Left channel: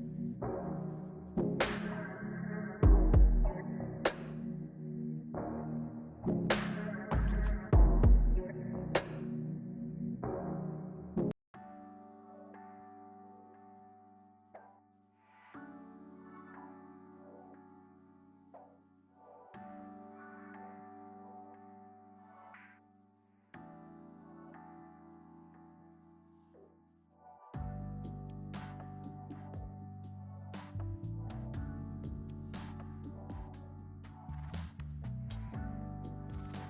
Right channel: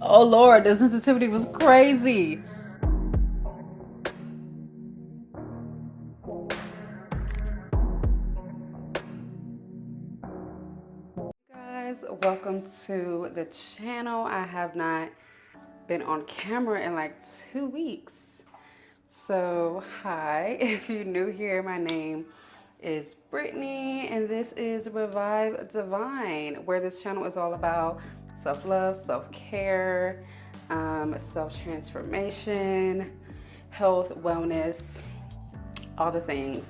Oh Lord, the sensitivity was crazy. Guys, welcome to the channel. I have not been on camera in like 2 weeks. So, hi, if you're new here, my name is Brittany, and this is Revive Divine, where this channel is all about self love, self care, self transformation, health, wellness, all the things.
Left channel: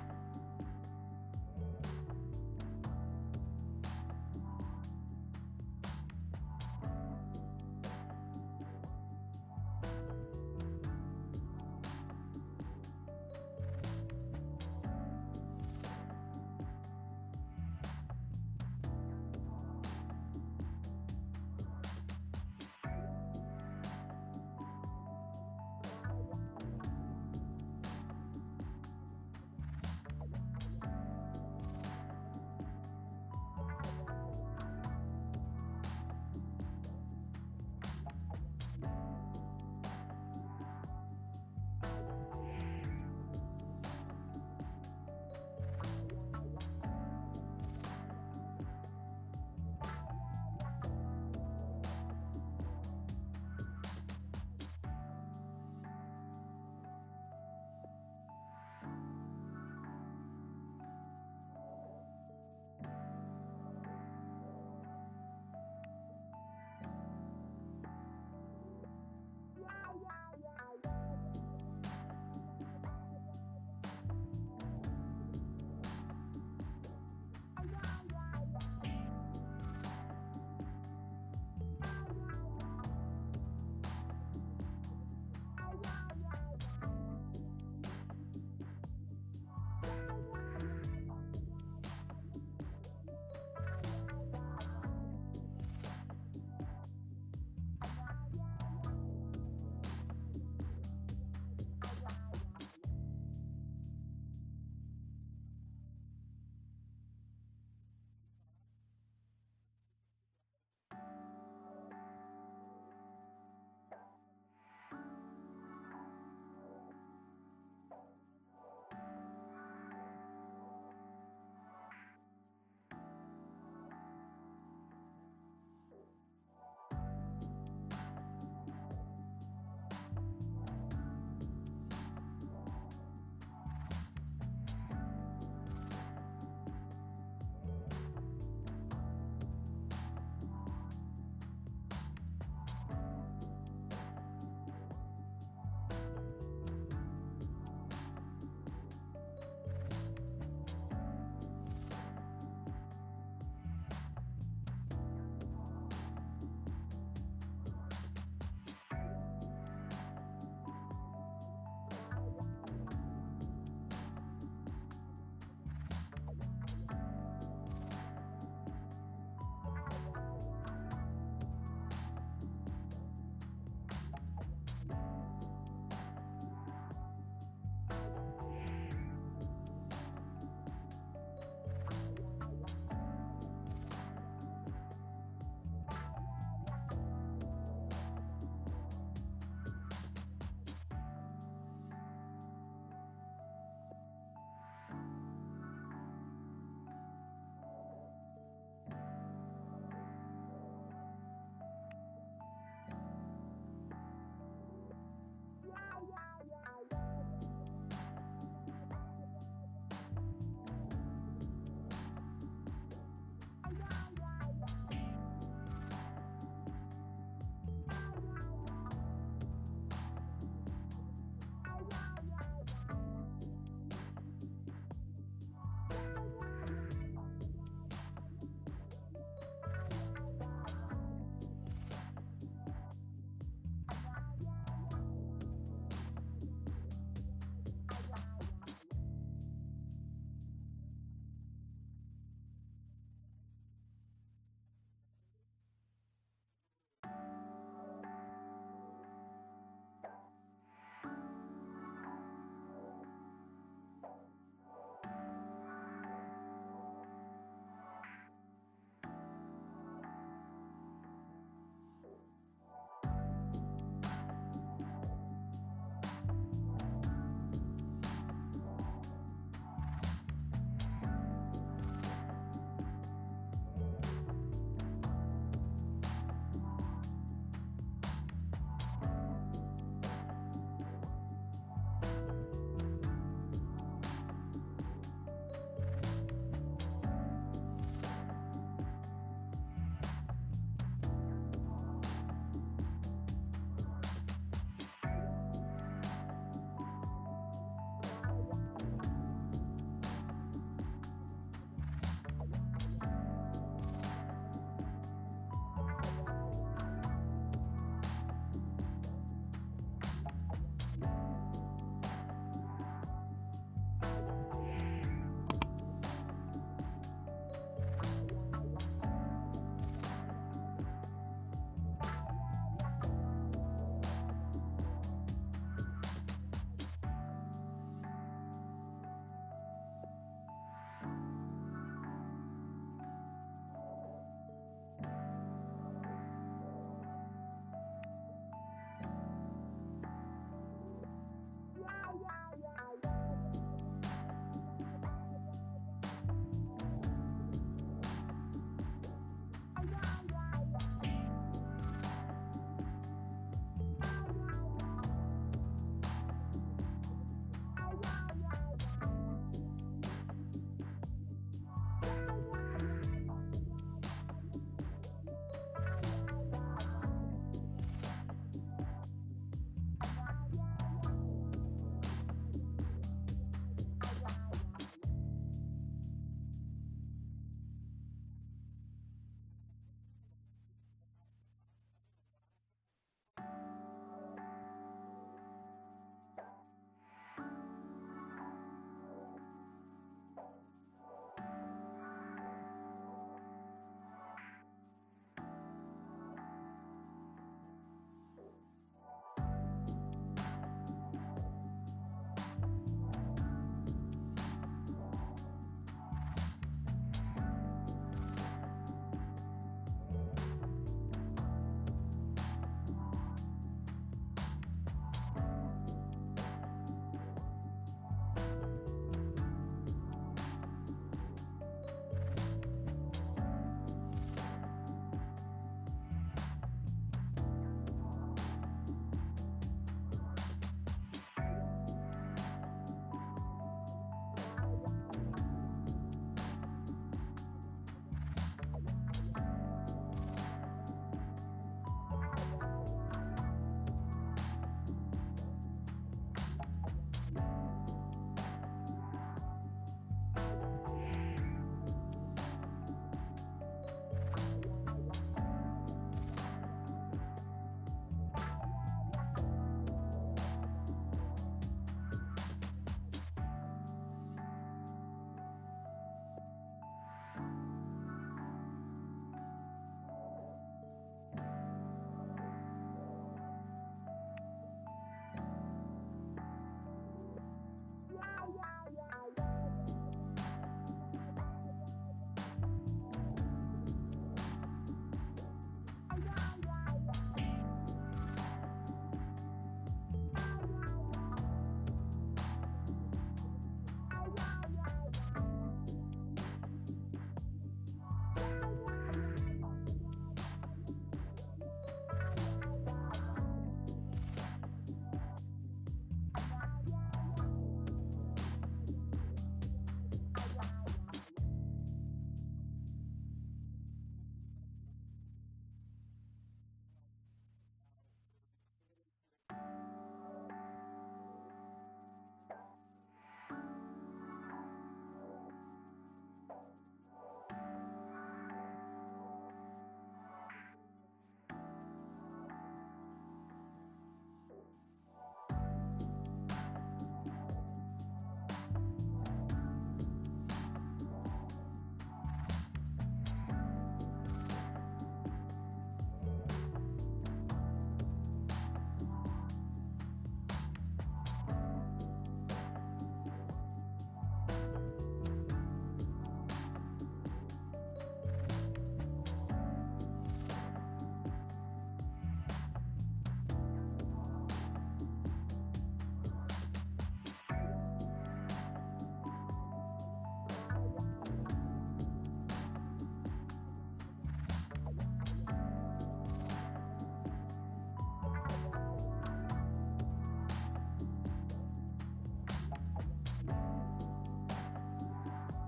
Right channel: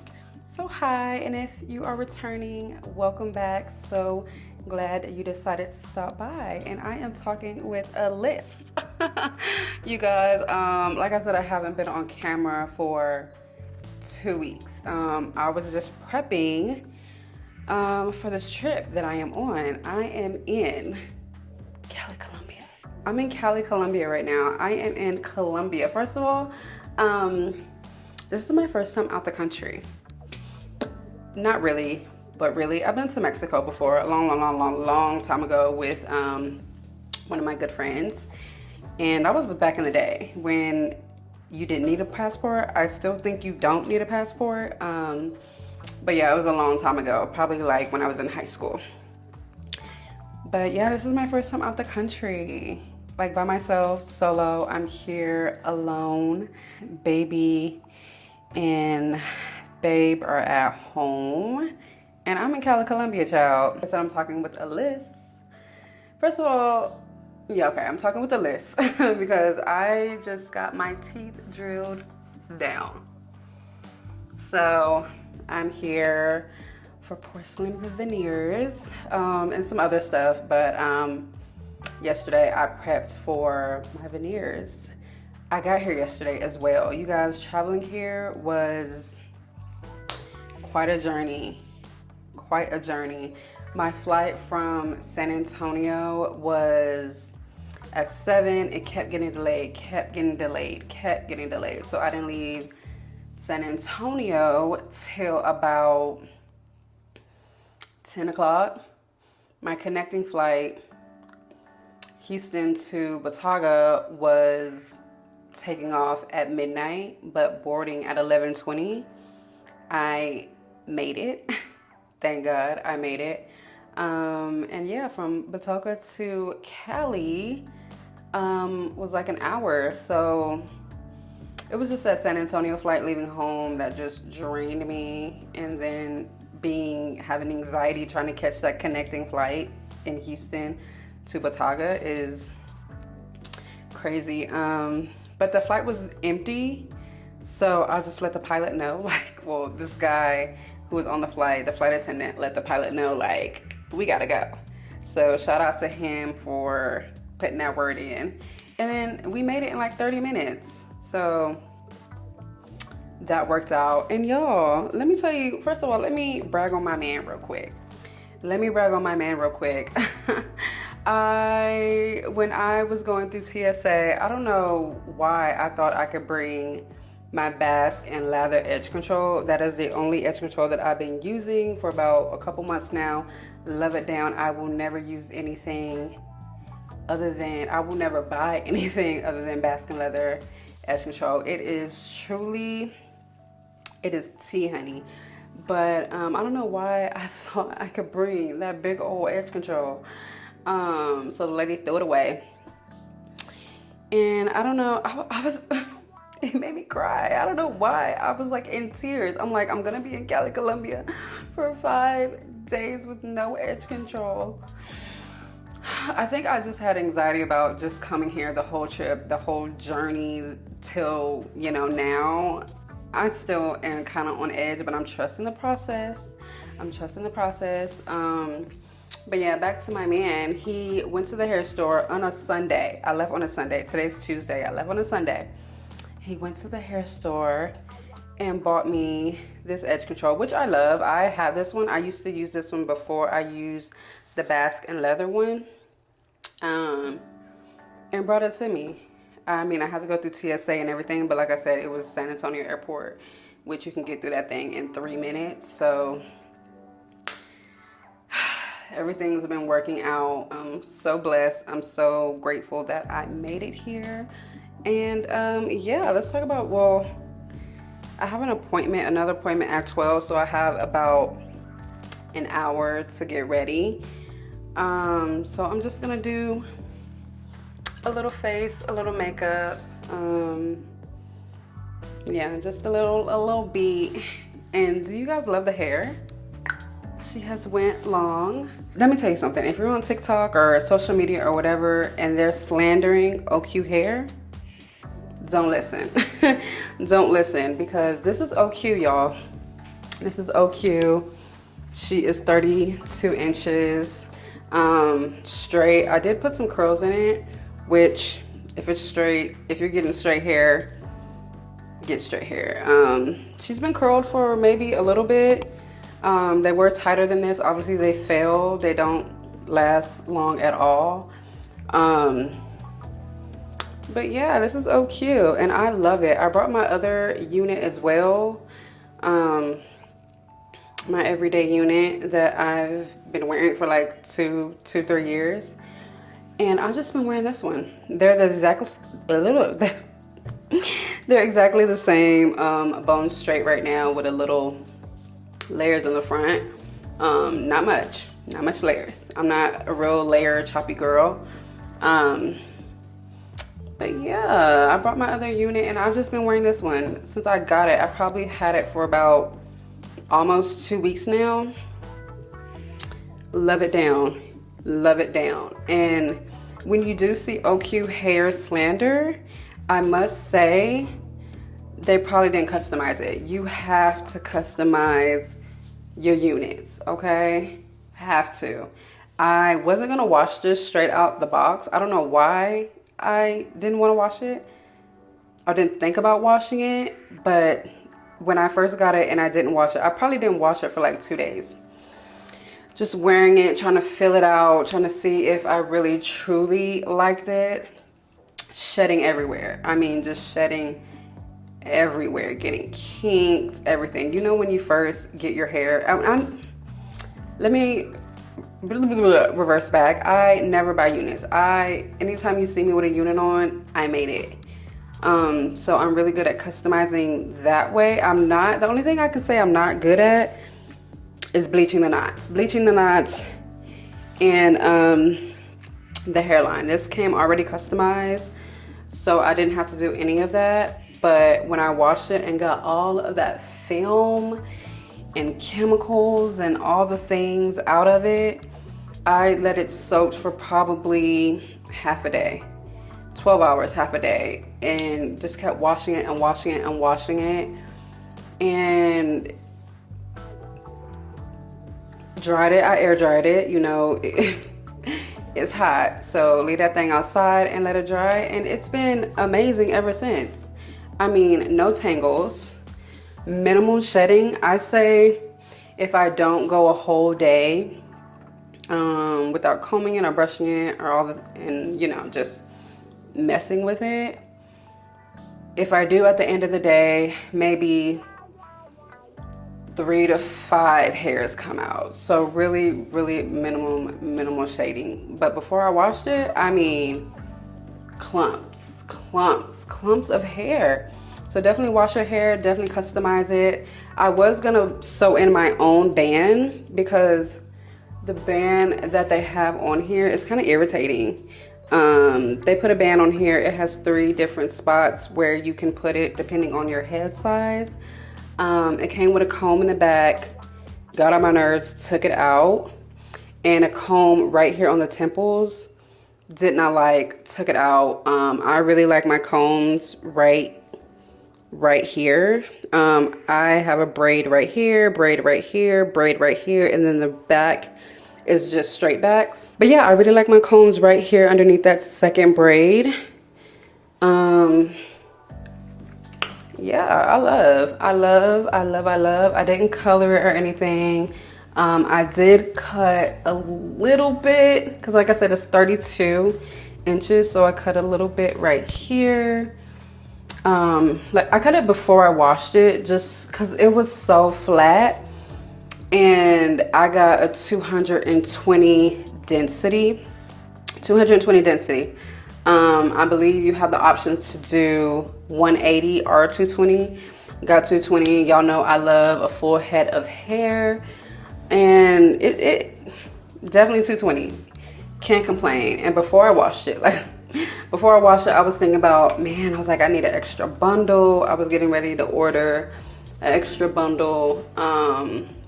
So, hi, and if you are returning, welcome back. So glad that you decided to stop by. And I am talking with a list. You guys, like I said, I haven't been on camera for 2 weeks. I was just prepping for this trip that I am on. I am in Cali, Colombia. I'm in Cali, Colombia right now. I am in Colombia. First of all, this is my first time out the country. Not really, but really. I've been to Mexico before, a long time ago with one of my good friends. And that was back in the day when you didn't need a passport. I still think you don't need a passport. But yeah, it was a long time ago, probably like when I was in high school. But yeah, this is my first time out the country, like by myself, solo. I'm here alone. Baby and babe are at home, and I'm in Cali Colombia, child. So I'm talking with a list. First of all, yeah, okay, I'm talking with a list because I just got my teeth drilled down. So I'm here for porcelain veneers and some other stuff, but yesterday I prepped for my veneers. I got here yesterday as well. You guys, traveling here was quite a journey. Quite a journey. My flight from San Antonio was at 7. It kept getting delayed. So I didn't leave San Antonio till about 10 o'clock. My connecting flight, Houston to Bataga, was taking off at midnight, but boarding at 11:20. I made it. Thank God I made it. And yeah, from Batoka to Cali was like an hour. So it was just that San Antonio flight leaving home that just drained me. And then having anxiety trying to catch that connecting flight in Houston to Bataga is crazy. But the flight was empty. So I'll just let the pilot know, this guy who was on the flight attendant let the pilot know, we gotta go. So shout out to him for putting that word in. And then we made it in like 30 minutes. So that worked out. And y'all, let me tell you, first of all, let me brag on my man real quick. When I was going through TSA, I don't know why I thought I could bring my Bask and Lather edge control. That is the only edge control that I've been using for about a couple months now. Love it down. I will never use anything I will never buy anything other than Bask and Leather edge control. It is tea, honey. But I don't know why I thought I could bring that big old edge control. So the lady threw it away. And I don't know, I was it made me cry. I don't know why. I was like in tears. I'm like, I'm gonna be in Cali, Colombia for 5 days with no edge control. I think I just had anxiety about just coming here the whole trip, the whole journey till, now. I still am kind of on edge, but I'm trusting the process. But yeah, back to my man. He went to the hair store on a Sunday. I left on a Sunday. Today's Tuesday. I left on a Sunday. He went to the hair store and bought me this edge control, which I love. I have this one. I used to use this one before I used the Bask and Leather one. And brought it to me. I mean, I had to go through TSA and everything, but like I said, it was San Antonio Airport, which you can get through that thing in 3 minutes. So Everything's been working out. I'm so blessed. I'm so grateful that I made it here. And yeah, let's talk about, well, I have another appointment at 12, so I have about an hour to get ready. So I'm just gonna do a little face, a little makeup, yeah, just a little beat. And do you guys love the hair? She has went long. Let me tell you something. If you're on TikTok or social media or whatever and they're slandering OQ hair, don't listen. Don't listen, because this is OQ, y'all. This is OQ. She is 32 inches straight. I did put some curls in it, which if it's straight, if you're getting straight hair, get straight hair. She's been curled for maybe a little bit. They were tighter than this. Obviously they fail. They don't last long at all. But yeah, this is OQ and I love it. I brought my other unit as well. My everyday unit that I've been wearing for like 3 years. And I've just been wearing this one. They're exactly the same, bone straight right now with a little layers in the front. Not much layers. I'm not a real layer choppy girl. But yeah, I brought my other unit and I've just been wearing this one since I got it. I probably had it for about almost 2 weeks now. Love it down. Love it down. And when you do see OQ hair slander, I must say they probably didn't customize it. You have to customize your units, okay? Have to. I wasn't gonna wash this straight out the box. I don't know why I didn't want to wash it. I didn't think about washing it, but when I first got it and I didn't wash it, I probably didn't wash it for like 2 days. Just wearing it, trying to feel it out, trying to see if I really truly liked it. Shedding everywhere. I mean, just shedding everywhere, getting kinked, everything. You know when you first get your hair, let me reverse back. I never buy units. Anytime you see me with a unit on, I made it. So I'm really good at customizing that way. The only thing I can say I'm not good at is bleaching the knots. Bleaching the knots and the hairline. This came already customized, so I didn't have to do any of that. But when I washed it and got all of that film and chemicals and all the things out of it, I let it soak for probably half a day, 12 hours, half a day, and just kept washing it and washing it and washing it, and dried it. I air dried it, you know. It's hot, so leave that thing outside and let it dry, and it's been amazing ever since. I mean, no tangles, minimal shedding. I say if I don't go a whole day without combing it or brushing it or and you know, just messing with it. If I do at the end of the day, maybe 3 to 5 hairs come out. So really, really minimal shading. But before I washed it, I mean, clumps of hair. So definitely wash your hair, definitely customize it. I was gonna sew in my own band because the band that they have on here is kind of irritating. They put a band on here. It has 3 different spots where you can put it depending on your head size. It came with a comb in the back, got on my nerves, took it out, and a comb right here on the temples. Did not like, took it out. I really like my combs right here. I have a braid right here, braid right here, braid right here, and then the back is just straight backs. But yeah, I really like my combs right here underneath that second braid. Yeah, I love. I didn't color it or anything. I did cut a little bit because, like I said, it's 32 inches, so I cut a little bit right here. Like I cut it before I washed it just because it was so flat, and I got a 220 density. 220 density. I believe you have the options to do 180 or 220. Got 220. Y'all know I love a full head of hair, and it definitely 220. Can't complain. And before I washed it, I was thinking about, man, I was like, I need an extra bundle. I was getting ready to order an extra bundle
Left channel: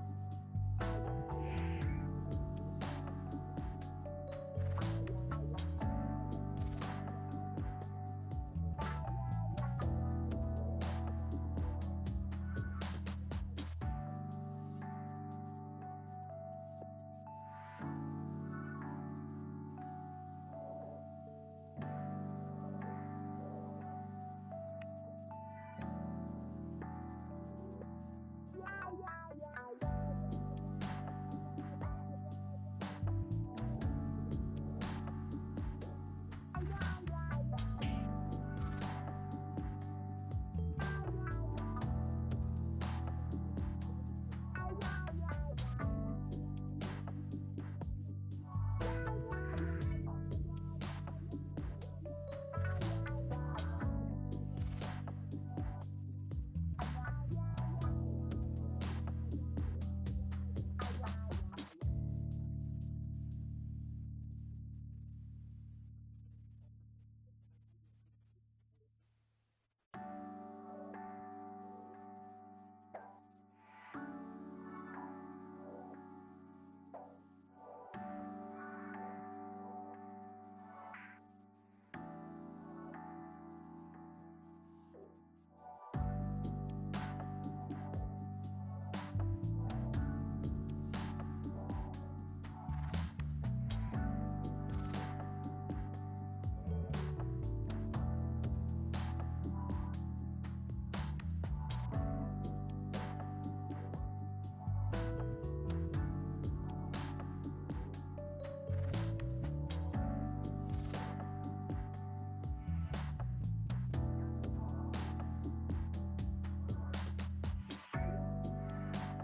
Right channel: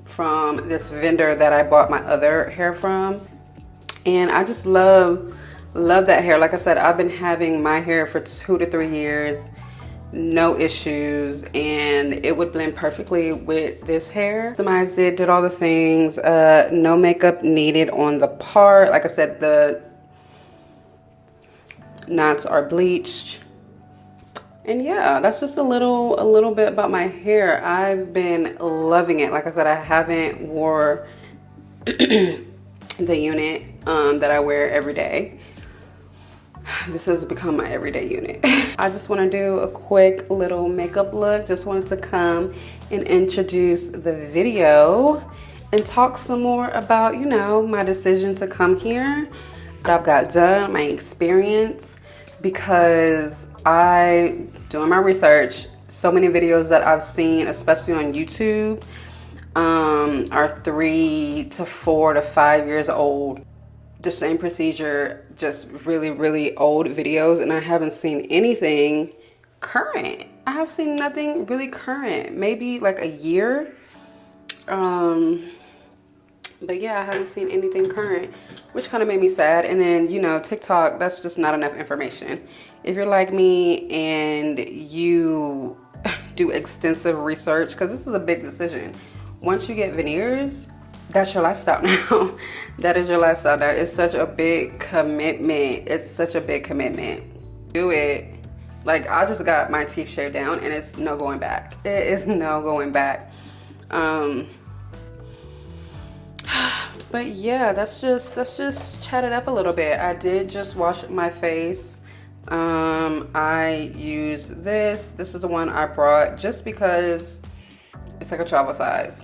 from this vendor that I bought my other hair from, and I just love that hair. Like I said, I've been having my hair for 2 to 3 years, no issues, and it would blend perfectly with this hair. Customized it, did all the things, no makeup needed on the part. Like I said, the knots are bleached. And yeah, that's just a little bit about my hair. I've been loving it. Like I said, I haven't wore the unit that I wear every day. This has become my everyday unit. I just want to do a quick little makeup look. Just wanted to come and introduce the video and talk some more about, you know, my decision to come here, what I've got done, my experience, because doing my research, so many videos that I've seen, especially on YouTube, are 3 to 4 to 5 years old. The same procedure, just really old videos, and I haven't seen anything current. I have seen nothing really current, maybe like a year. But yeah, I haven't seen anything current, which kind of made me sad. And then, you know, TikTok, that's just not enough information. If you're like me and you do extensive research, because this is a big decision. Once you get veneers, that's your lifestyle now. That is your lifestyle now. It's such a big commitment. It's such a big commitment. Do it. Like, I just got my teeth shaved down, and it's no going back. It is no going back. But yeah, let's just chat it up a little bit. I did just wash my face. I use this. This is the one I brought just because it's like a travel size.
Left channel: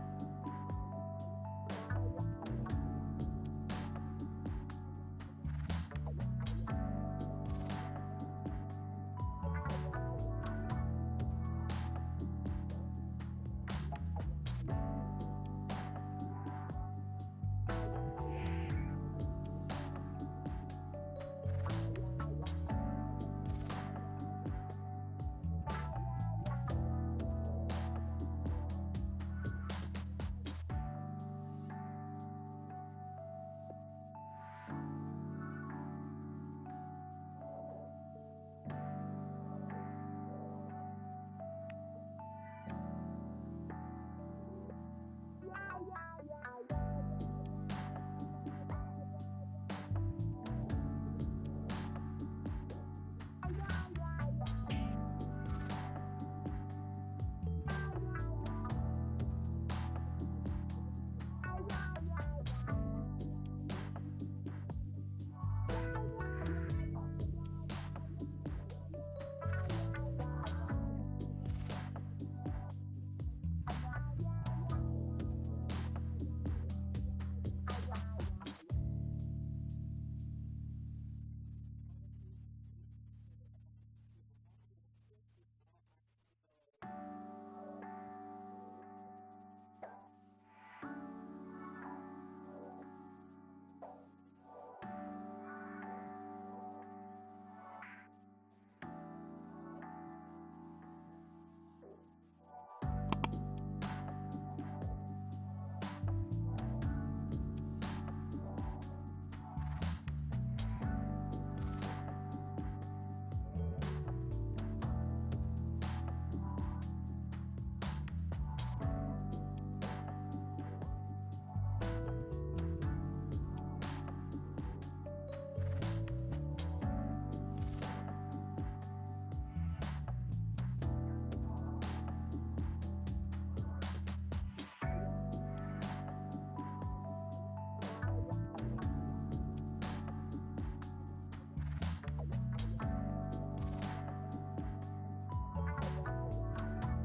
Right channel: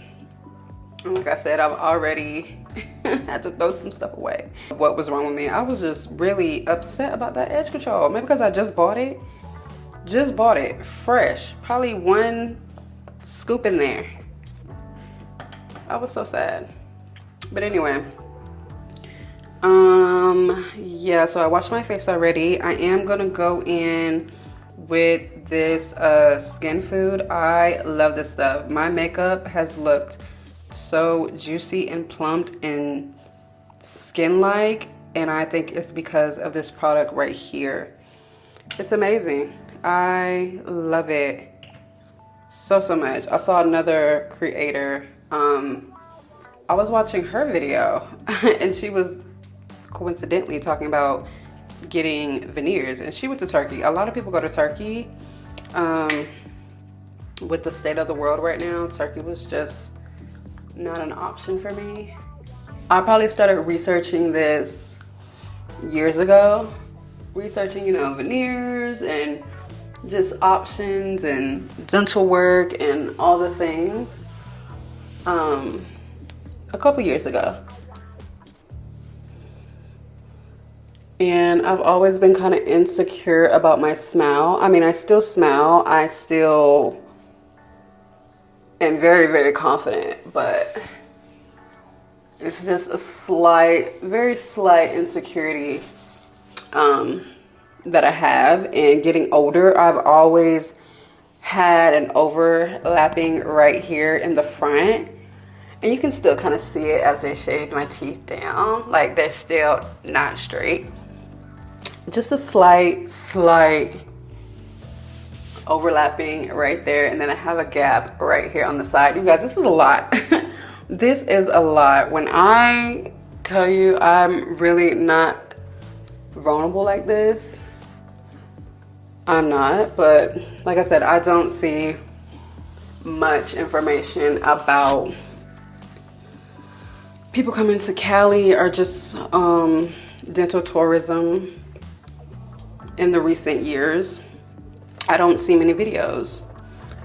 And like I said, I've already had to throw some stuff away. What was wrong with me? I was just really upset about that edge control. Maybe because I just bought it. Just bought it fresh. Probably 1 scoop in there. I was so sad. But anyway, yeah, so I washed my face already. I am gonna go in with this skin food. I love this stuff. My makeup has looked so juicy and plumped and skin-like, and I think it's because of this product right here. It's amazing. I love it so much. I saw another creator, I was watching her video and she was coincidentally talking about getting veneers, and she went to Turkey. A lot of people go to Turkey. With the state of the world right now, Turkey was just not an option for me. I probably started researching this years ago. Researching, you know, veneers and just options and dental work and all the things. A couple years ago. And I've always been kind of insecure about my smile. I mean, I still smile. I still am very confident, but it's just a very slight insecurity that I have. And getting older, I've always had an overlapping right here in the front. And you can still kind of see it as they shaved my teeth down. Like, they're still not straight. Just a slight overlapping right there. And then I have a gap right here on the side. You guys, this is a lot. This is a lot. When I tell you I'm really not vulnerable like this, I'm not. But like I said, I don't see much information about people coming to Cali or just dental tourism in the recent years. I don't see many videos.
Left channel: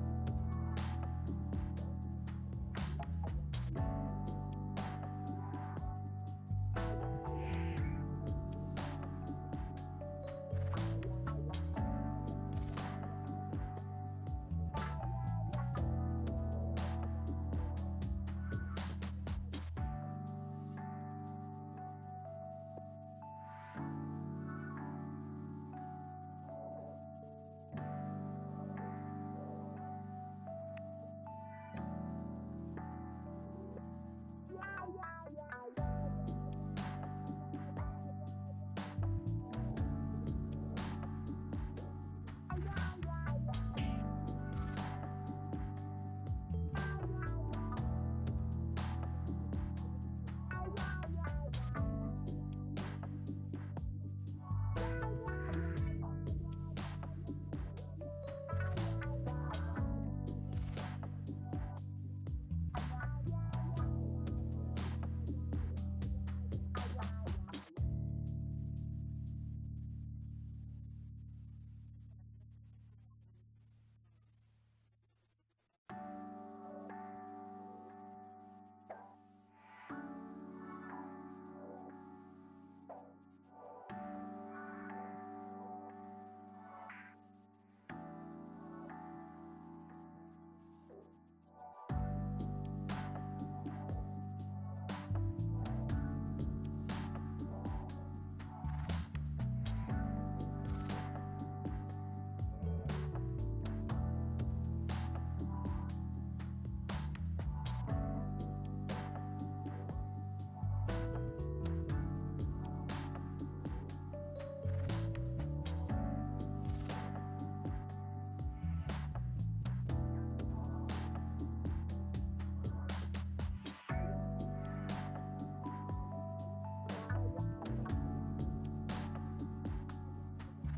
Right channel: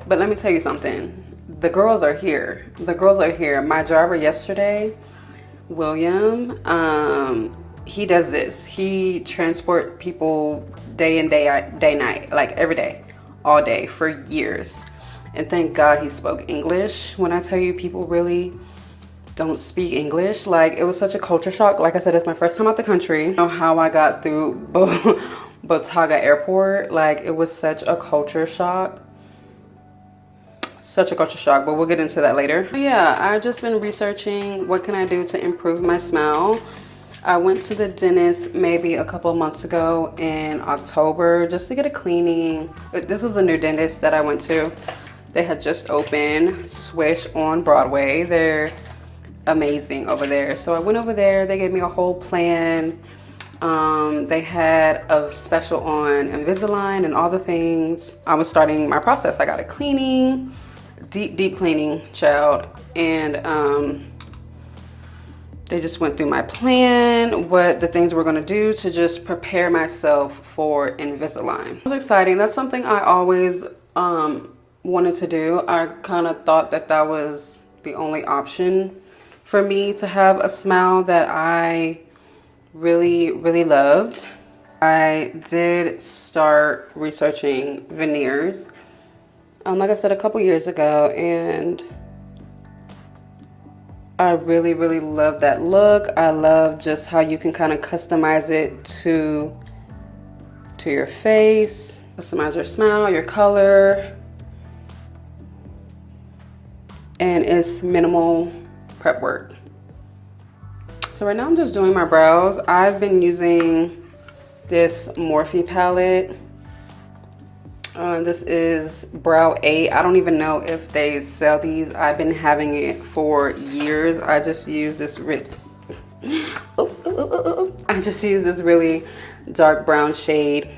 But let me tell you something. the girls are here. The girls are here. My driver yesterday, William, he does this. He transport people day in, day night, like every day, all day for years. And thank God he spoke English. When I tell you, people really don't speak English. Like, it was such a culture shock. Like I said, it's my first time out the country. You know how I got through Botaga Airport? Like, it was such a culture shock. Such a culture shock, but we'll get into that later. Yeah, I've just been researching what can I do to improve my smell. I went to the dentist maybe a couple of months ago in October just to get a cleaning. This is a new dentist that I went to. They had just opened, Swish on Broadway. They're amazing over there. So I went over there, they gave me a whole plan. They had a special on Invisalign and all the things. I was starting my process. I got a cleaning, deep cleaning, child. And they just went through my plan, what the things we're gonna do to just prepare myself for Invisalign. It was exciting. That's something I always wanted to do. I kind of thought that that was the only option for me to have a smile that I really loved. I did start researching veneers, like I said, a couple years ago, and I really love that look. I love just how you can kind of customize it to your face, customize your smile, your color, and it's minimal prep work. So right now I'm just doing my brows. I've been using this Morphe palette. This is Brow 8. I don't even know if they sell these. I've been having it for years. I just use this I just use this really dark brown shade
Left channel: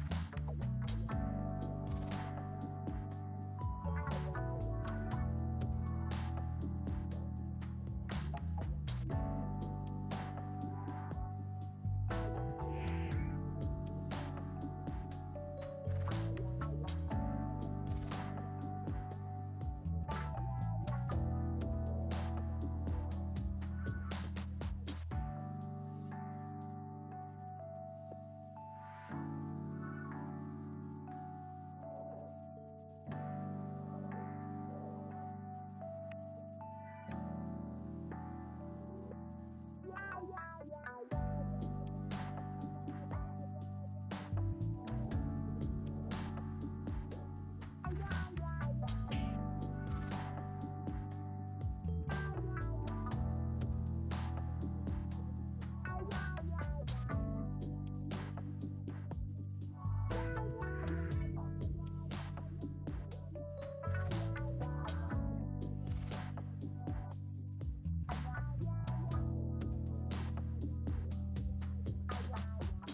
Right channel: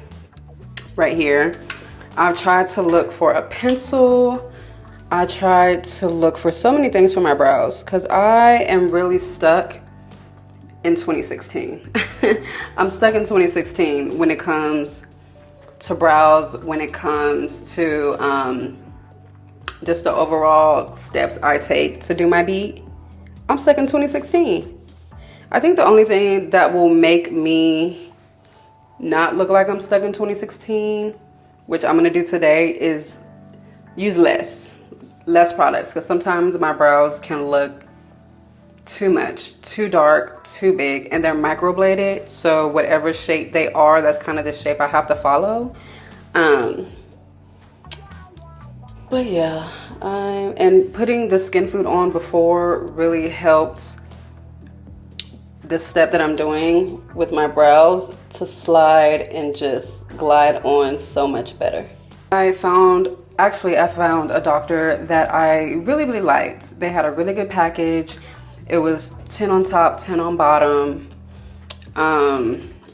right here. I've tried to look for a pencil. I tried to look for so many things for my brows because I am really stuck in 2016. I'm stuck in 2016 when it comes to brows, when it comes to just the overall steps I take to do my beat. I'm stuck in 2016. I think the only thing that will make me not look like I'm stuck in 2016, which I'm gonna do today, is use less products, because sometimes my brows can look too much, too dark, too big, and they're microbladed, so whatever shape they are, that's kind of the shape I have to follow. But yeah, and putting the skin food on before really helps this step that I'm doing with my brows to slide and just glide on so much better. I found a doctor that I really liked. They had a really good package. It was 10 on top, 10 on bottom.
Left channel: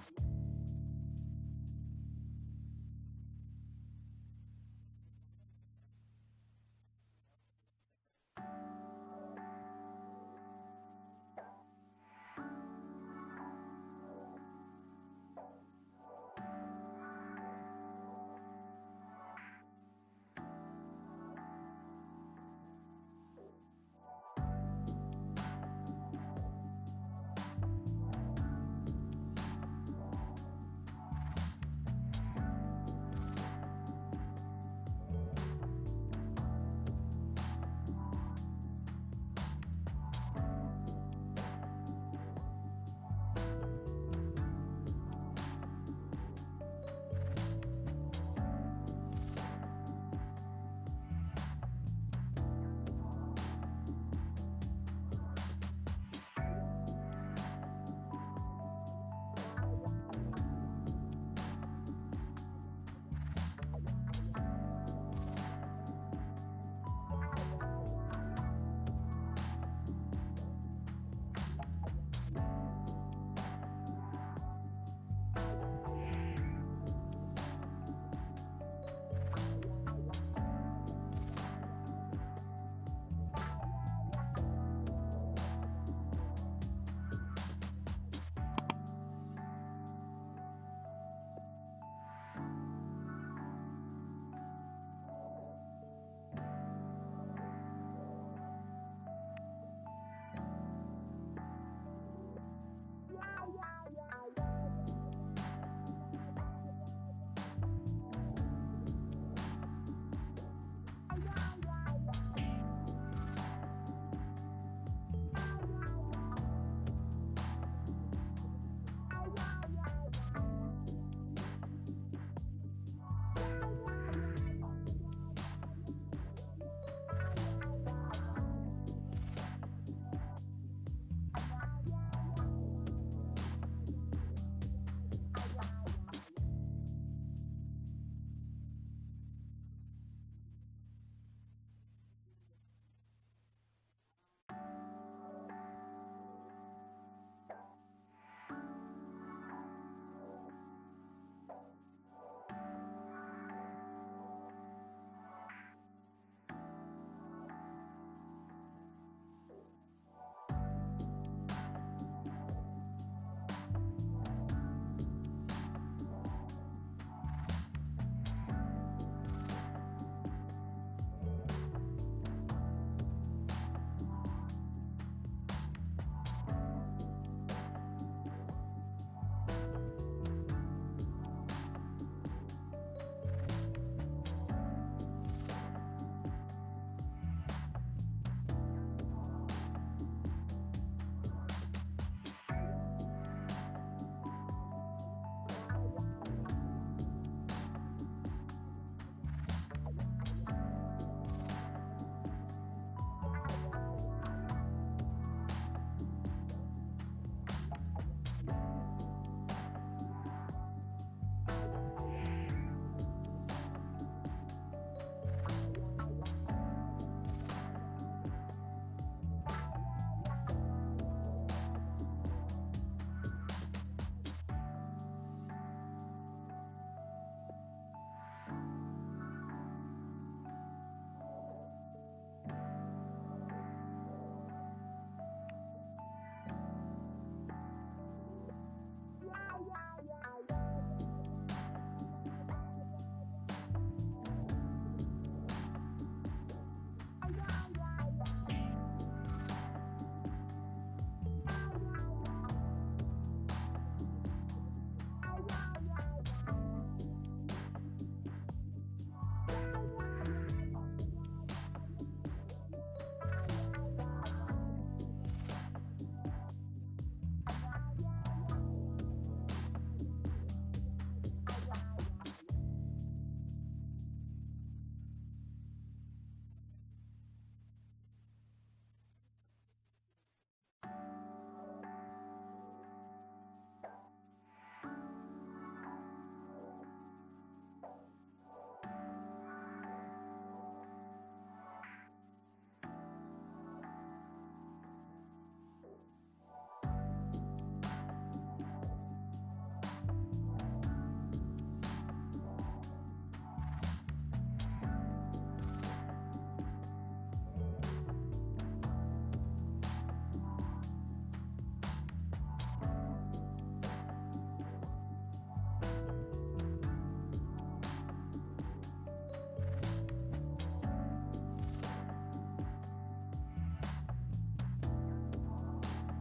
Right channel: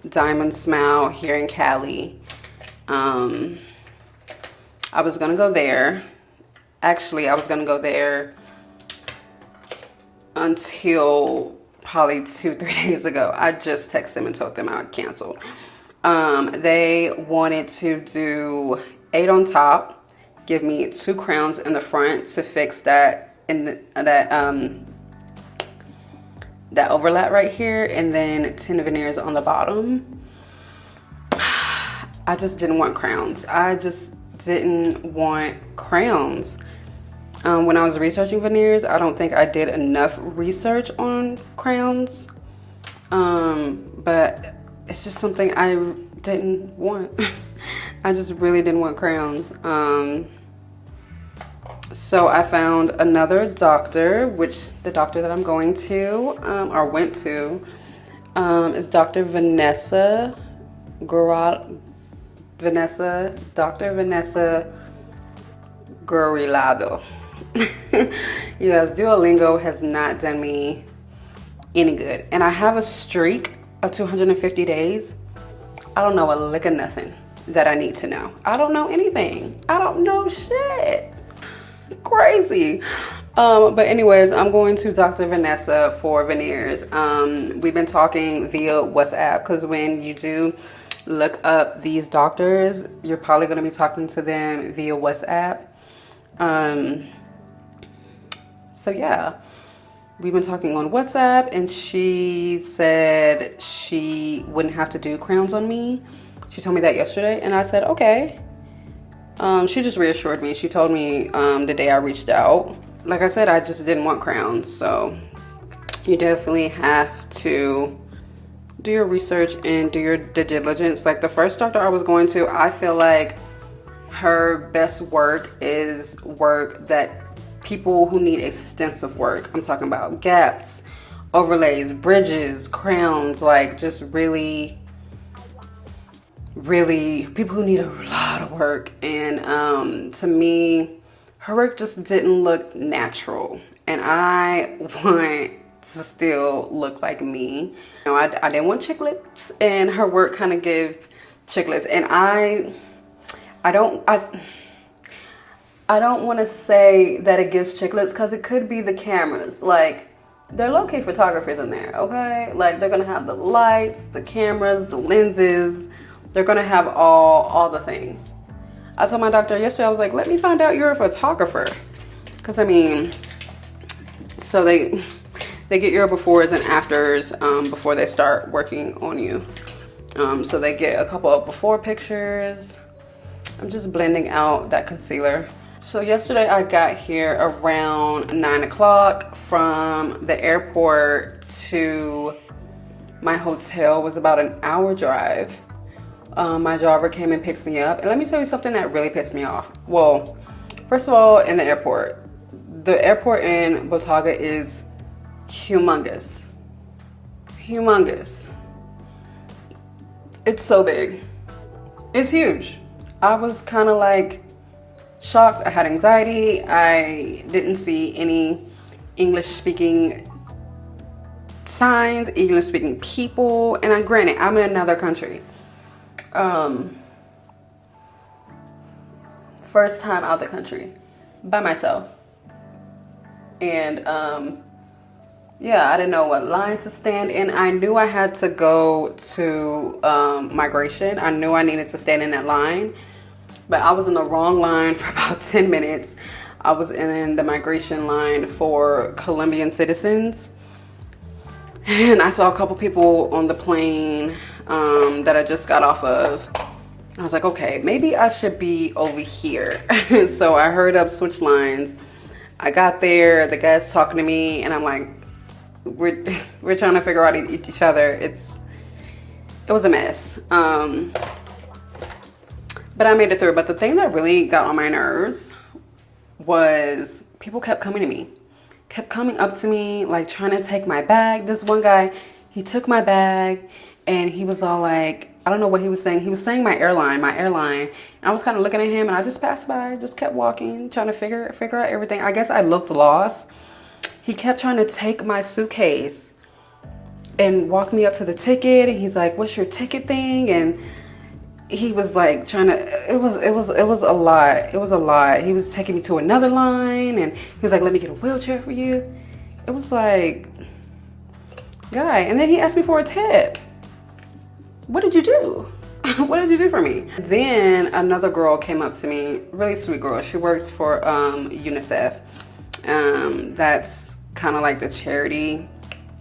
Diamond Smile here in Cali. I was gonna go there. Actually, I was gonna go there until probably 2-3 days ago. I just texted them and told them I canceled. They wanted to do 8 on top, give me 2 crowns in the front to fix that that overlap right here, and then 10 veneers on the bottom. I just didn't want crowns. I just didn't want crowns. When I was researching veneers, I don't think I did enough research on crowns. But it's just something I didn't want. I just really didn't want crowns. So I found another doctor, which the doctor that I'm going to, or went to, is Dr. Vanessa Gurilado. Yes, Duolingo has not done me any good. And I have a streak of 250 days. I don't know a lick of nothing that I need to know. I don't know anything. I don't know shit. Crazy. But anyways, I'm going to Dr. Vanessa for veneers. We've been talking via WhatsApp, because when you do look up these doctors, you're probably going to be talking to them via WhatsApp. So yeah, we've been talking on WhatsApp, and she said she wouldn't have to do crowns on me. She told me that yesterday, and I said, okay. She just reassured me. She told me the day I reached out. Like I said, I just didn't want crowns. So you definitely have to do your research and do your due diligence. Like the first doctor I was going to, I feel like her best work is work that people who need extensive work. I'm talking about gaps, overlays, bridges, crowns, like just really people who need a lot of work. And to me, her work just didn't look natural, and I want to still look like me. You know, I didn't want chiclets, and her work kind of gives chiclets. And I don't want to say that it gives chiclets, because it could be the cameras. Like, they're low-key photographers in there, okay? Like, they're gonna have the lights, the cameras, the lenses. They're gonna have all the things. I told my doctor yesterday, I was like, let me find out you're a photographer. Because, I mean, so they get your befores and afters before they start working on you. So they get a couple of before pictures. I'm just blending out that concealer. So yesterday I got here around 9 o'clock. From the airport to my hotel was about an hour drive. My driver came and picked me up. And let me tell you something that really pissed me off. Well, first of all, in the airport in Bogota is humongous. Humongous. It's so big. It's huge. I was kind of like shocked. I had anxiety. I didn't see any English speaking signs, English speaking people. And granted, I'm in another country. First time out the country by myself. And yeah, I didn't know what line to stand in. I knew I had to go to migration. I knew I needed to stand in that line, but I was in the wrong line for about 10 minutes. I was in the migration line for Colombian citizens, and I saw a couple people on the plane that I just got off of. I was like, okay, maybe I should be over here. So I hurried up, switched lines. I got there, the guy's talking to me, and I'm like, we're trying to figure out each other. It was a mess. But I made it through. But the thing that really got on my nerves was people kept coming to me, kept coming up to me, like trying to take my bag. This one guy, he took my bag, and he was all like, I don't know what he was saying. He was saying my airline. And I was kind of looking at him, and I just passed by, just kept walking, trying to figure out everything. I guess I looked lost. He kept trying to take my suitcase and walk me up to the ticket, and he's like, what's your ticket thing? And he was like trying to, it was a lot. It was a lot. He was taking me to another line, and he was like, let me get a wheelchair for you. It was like, guy. And then he asked me for a tip. What did you do? What did you do for me? Then another girl came up to me, really sweet girl. She works for UNICEF. That's kind of like the charity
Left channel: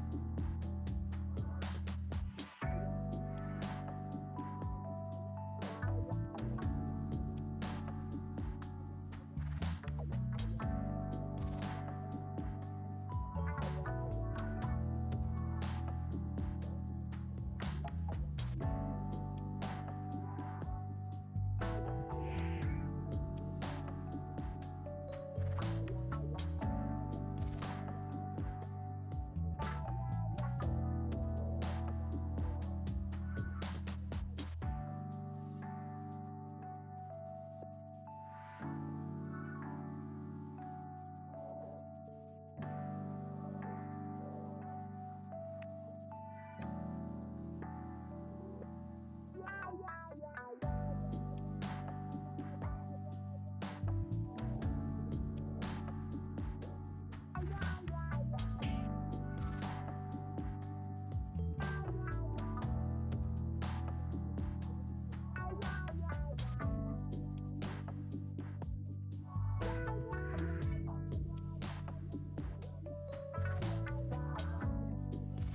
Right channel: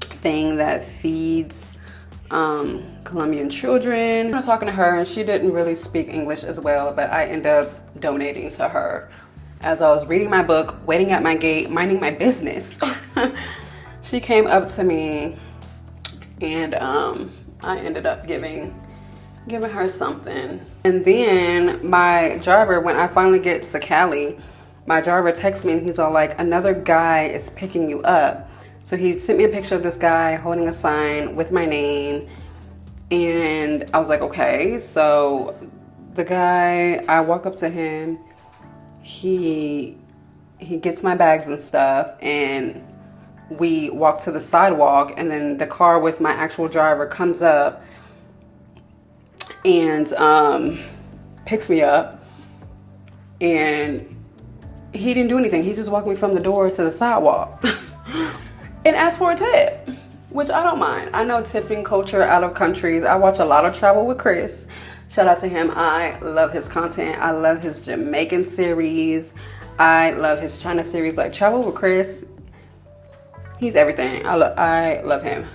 thing that feeds Colombian children. I was talking to her, and she didn't really speak English as well, but I ended up donating to her as I was reading my book, waiting at my gate, minding my business. She came up to me, and I ended up giving her something. And then my driver, when I finally get to Cali, my driver texts me, and he's all like, another guy is picking you up. So he sent me a picture of this guy holding a sign with my name, and I was like, okay. So the guy, I walk up to him, he gets my bags and stuff, and we walk to the sidewalk, and then the car with my actual driver comes up and picks me up, and he didn't do anything. He just walked me from the door to the sidewalk and asked for a tip, which I don't mind. I know tipping culture out of countries. I watch a lot of Travel with Chris. Shout out to him. I love his content. I love his Jamaican series. I love his China series. Like, Travel with Chris He's everything. I love him.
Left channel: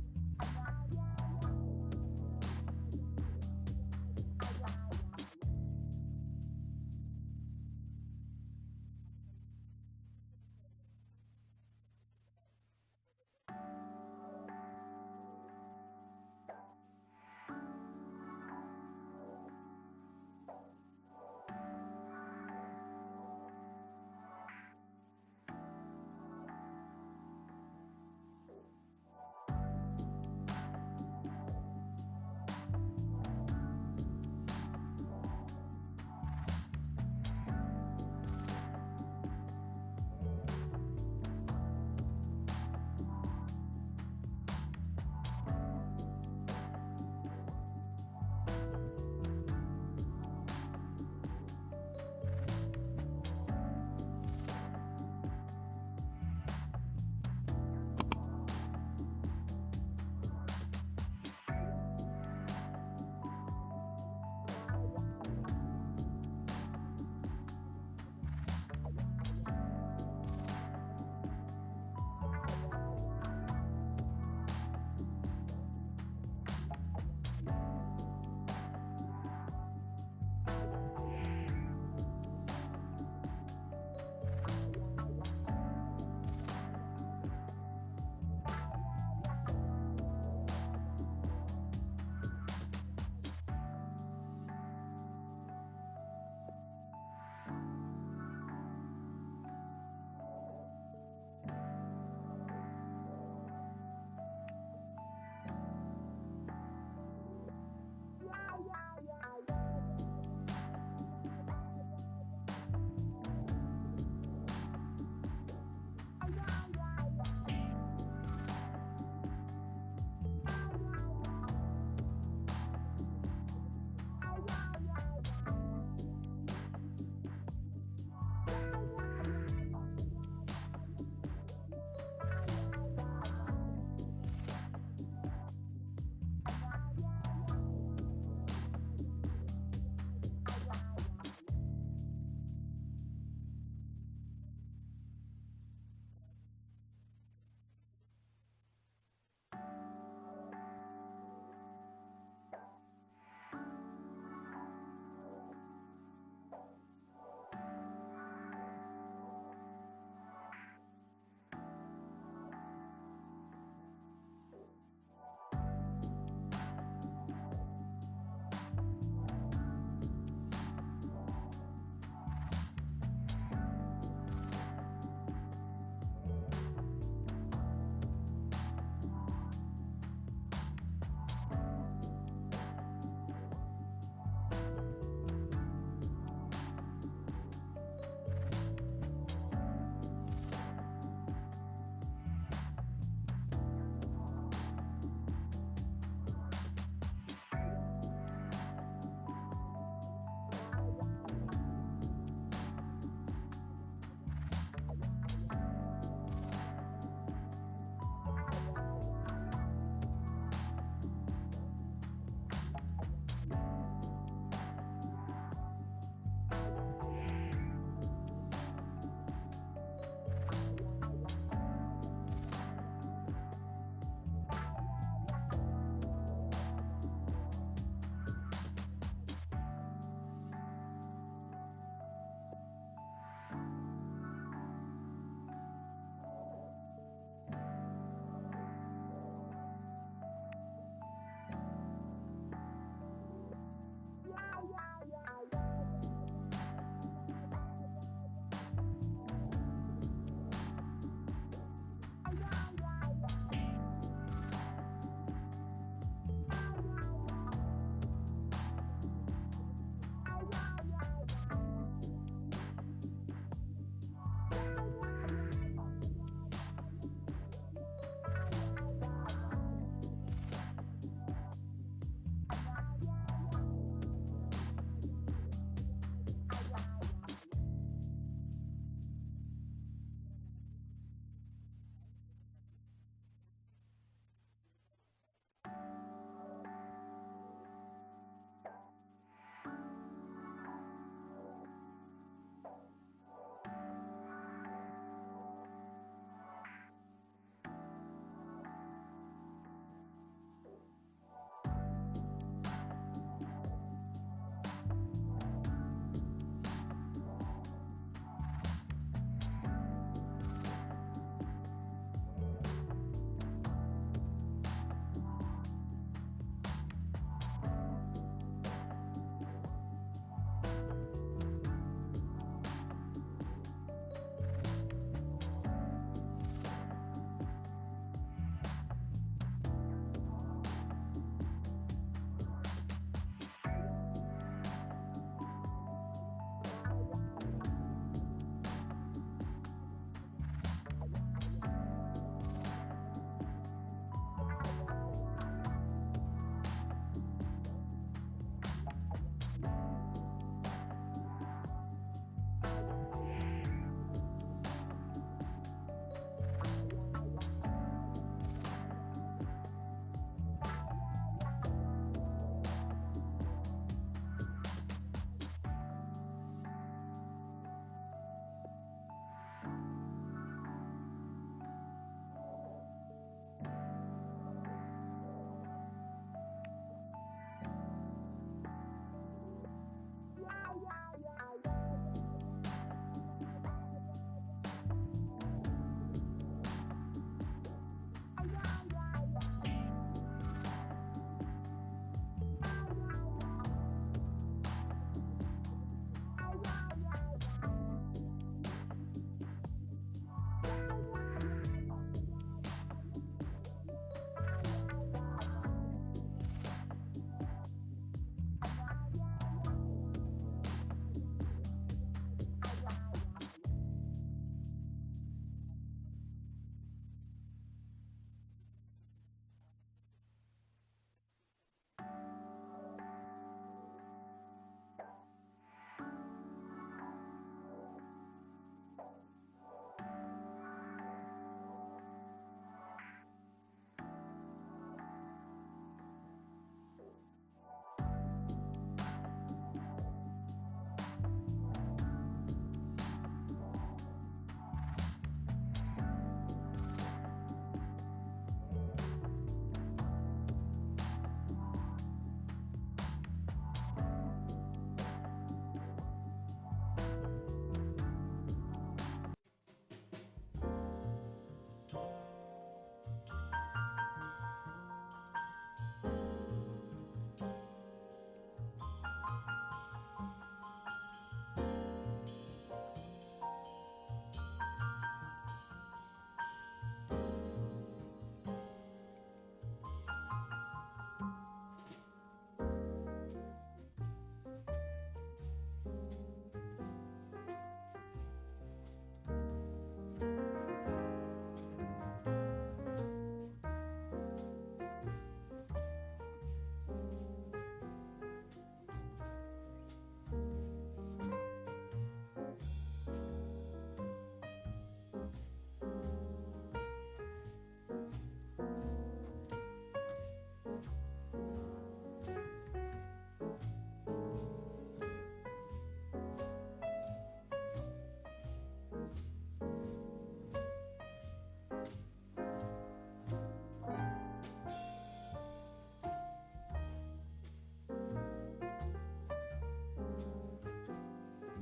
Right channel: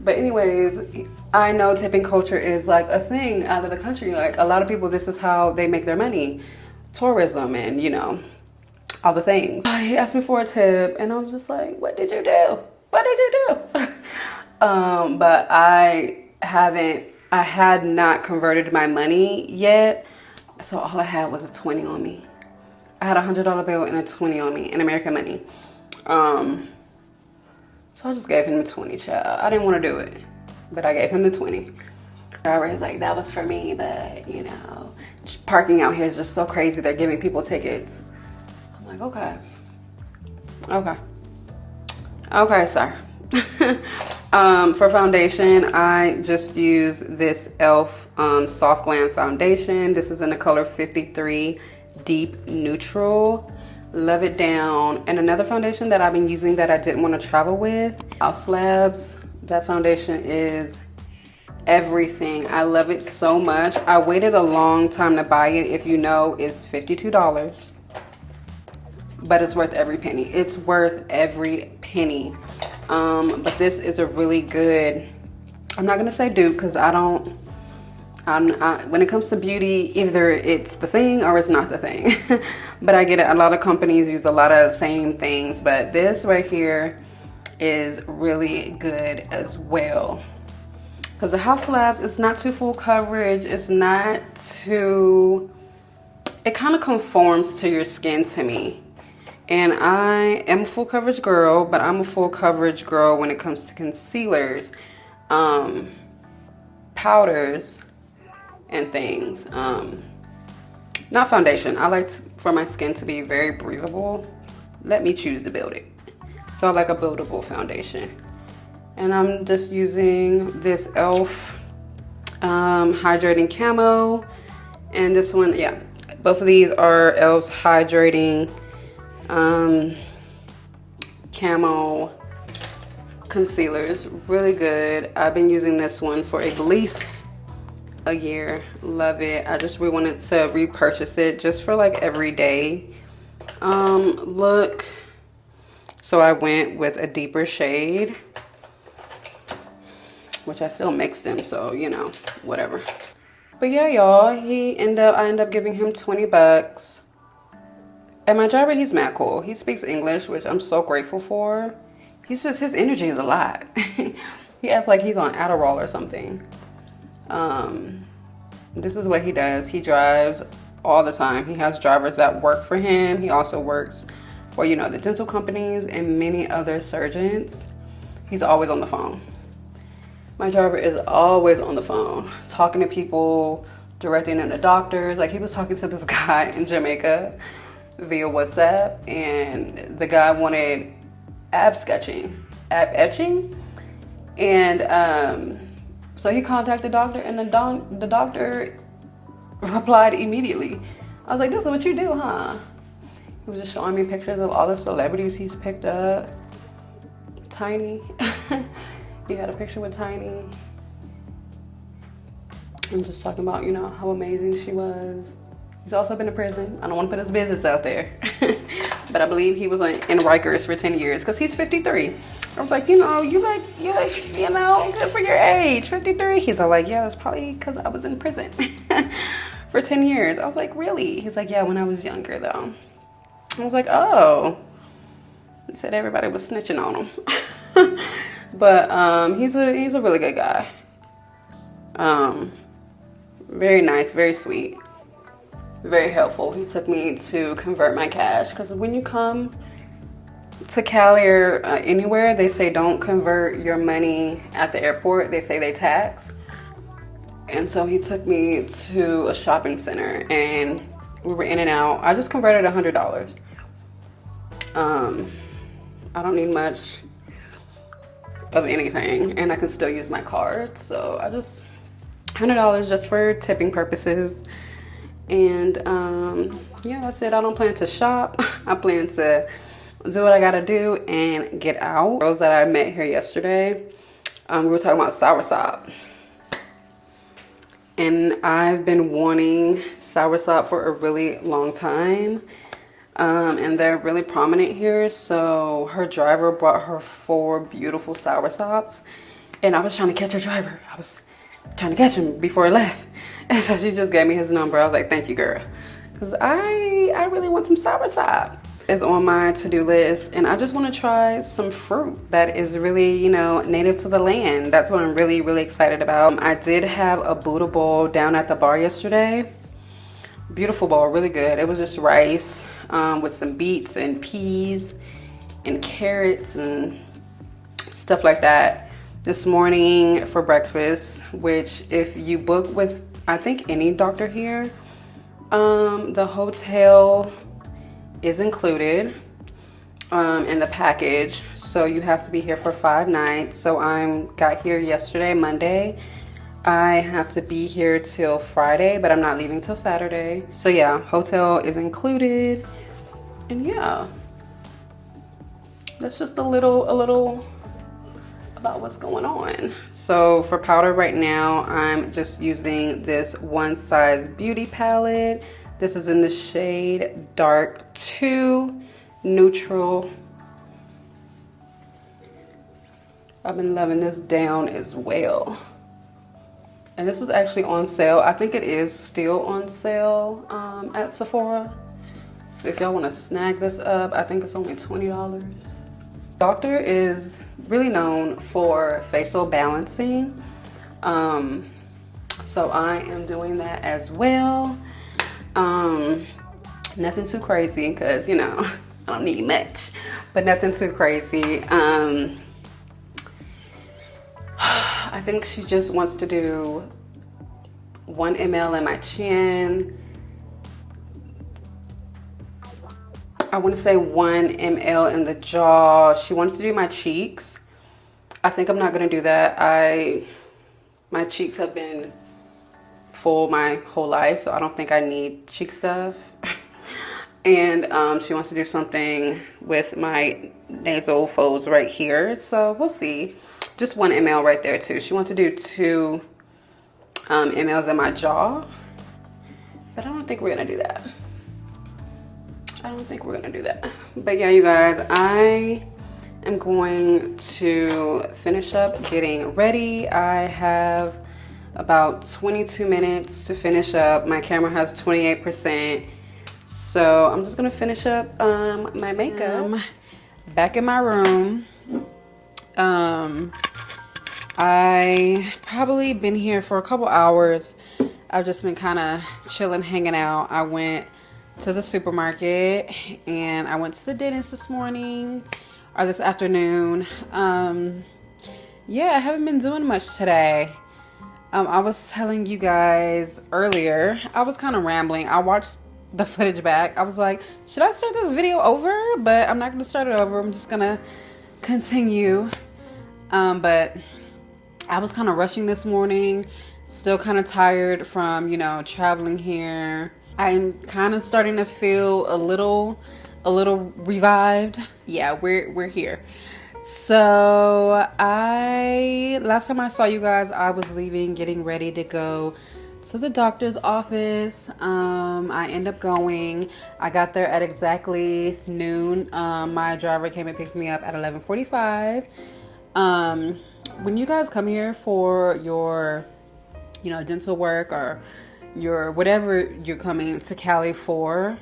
But anyways, I know tipping culture is like a thing out of the country. Like a lot of people, this is how they make their money. Tourism and, you know, all the things. He asked me for a tip and I was just like, what did you do? What did you do? But I had not converted my money yet. So all I had was a 20 on me. I had a $100 bill and a 20 on me in American money. So I just gave him the 20, child. I didn't want to do it, but I gave him the 20. I was like, that was for me, but you know, parking out here is just so crazy. They're giving people tickets. I'm like, okay, sir. For foundation, I just use this e.l.f. Soft Glam Foundation. This is in the color 53 Deep Neutral. Love it down. And another foundation that I've been using that I didn't want to travel with, House Labs. That foundation is everything. I love it so much. I waited a long time to buy it. If you know, it's $52, but it's worth every penny. It's worth every penny. But this is a really good, I'm not gonna say dupe because when it comes to beauty, either it's the thing or it's not the thing. But I get it, a lot of companies use a lot of same things, but this right here is really good as well. Because the House Labs, it's not too full coverage, it's not too, it kind of conforms to your skin to me. And I am a full coverage girl, but I'm a full coverage girl when it comes to concealers, powders, and things. Not foundation. I like for my skin to be very breathable. Let me choose to build it. So I like a buildable foundation. And I'm just using this e.l.f. Hydrating Camo. And this one, yeah. Both of these are e.l.f.'s Hydrating Camo concealers. Really good. I've been using this one for at least a year. Love it. I just really wanted to repurchase it just for like everyday look. So I went with a deeper shade, which I still mix them, so you know, whatever. But yeah, y'all, I end up giving him 20 bucks. And my driver, he's mad cool. He speaks English, which I'm so grateful for. His energy is a lot. He acts like he's on Adderall or something. This is what he does. He drives all the time. He has drivers that work for him. He also works for, you know, the dental companies and many other surgeons. He's always on the phone. My driver is always on the phone, talking to people, directing them to doctors. Like, he was talking to this guy in Jamaica via WhatsApp, and the guy wanted ab etching, and so he contacted the doctor, and the doctor replied immediately. I was like, this is what you do, huh? He was just showing me pictures of all the celebrities he's picked up. Tiny. He had a picture with Tiny. I'm just talking about, you know, how amazing she was. He's also been in prison. I don't want to put his business out there. But I believe he was in Rikers for 10 years because he's 53. I was like, you know, you know, good for your age, 53. He's all like, yeah, that's probably because I was in prison for 10 years. I was like, really? He's like, yeah, when I was younger, though. I was like, oh. He said everybody was snitching on him. But he's a really good guy. Very nice, very sweet, very helpful. He took me to convert my cash because when you come to Cali or anywhere, they say don't convert your money at the airport. They say they tax. And so he took me to a shopping center and we were in and out. I just converted $100. I don't need much of anything and I can still use my card. So I just, $100 just for tipping purposes. And yeah, that's it. I don't plan to shop. I plan to do what I gotta do and get out. Girls that I met here yesterday, we were talking about soursop. And I've been wanting soursop for a really long time. And they're really prominent here. So her driver brought her 4 beautiful soursops, and I was trying to catch her driver. I was trying to catch him before he left, and so she just gave me his number. I was like, thank you, girl, because I really want some soursop. It's on my to-do list, and I just want to try some fruit that is really, you know, native to the land. That's what I'm really, really excited about. I did have a Buddha bowl down at the bar yesterday. Beautiful bowl, really good. It was just rice with some beets and peas and carrots and stuff like that. This morning for breakfast, which if you book with, I think, any doctor here, the hotel is included in the package, so you have to be here for 5 nights. So I got here yesterday, Monday. I have to be here till Friday, but I'm not leaving till Saturday. So yeah, hotel is included, and yeah, that's just a little about what's going on. So for powder right now, I'm just using this One Size Beauty palette. This is in the shade Dark 2 Neutral. I've been loving this down as well. And this was actually on sale. I think it is still on sale at Sephora. So if y'all want to snag this up, I think it's only $20. Doctor is really known for facial balancing. So I am doing that as well. Nothing too crazy, because, you know, I don't need much, but nothing too crazy. I think she just wants to do 1 ml in my chin. I want to say 1 ml in the jaw. She wants to do my cheeks. I think I'm not going to do that. My cheeks have been full my whole life, so I don't think I need cheek stuff. And she wants to do something with my nasal folds right here, so we'll see. Just 1 ml right there too. She wants to do 2 mLs in my jaw, but I don't think we're gonna do that. But yeah, you guys, I am going to finish up getting ready. I have about 22 minutes to finish up. My camera has 28%, so I'm just gonna finish up my makeup. Back in my room. I probably been here for a couple hours. I've just been kind of chilling, hanging out. I went to the supermarket, and I went to the dentist this morning, or this afternoon. Yeah, I haven't been doing much today. I was telling you guys earlier, I was kind of rambling. I watched the footage back. I was like, should I start this video over? But I'm not going to start it over. I'm just going to continue. But I was kind of rushing this morning, still kind of tired from, you know, traveling here. I'm kind of starting to feel a little revived. Yeah, we're here. So last time I saw you guys, I was leaving, getting ready to go to the doctor's office. I end up going. I got there at exactly noon. My driver came and picked me up at 11:45. When you guys come here for your, you know, dental work or your whatever you're coming to Cali for,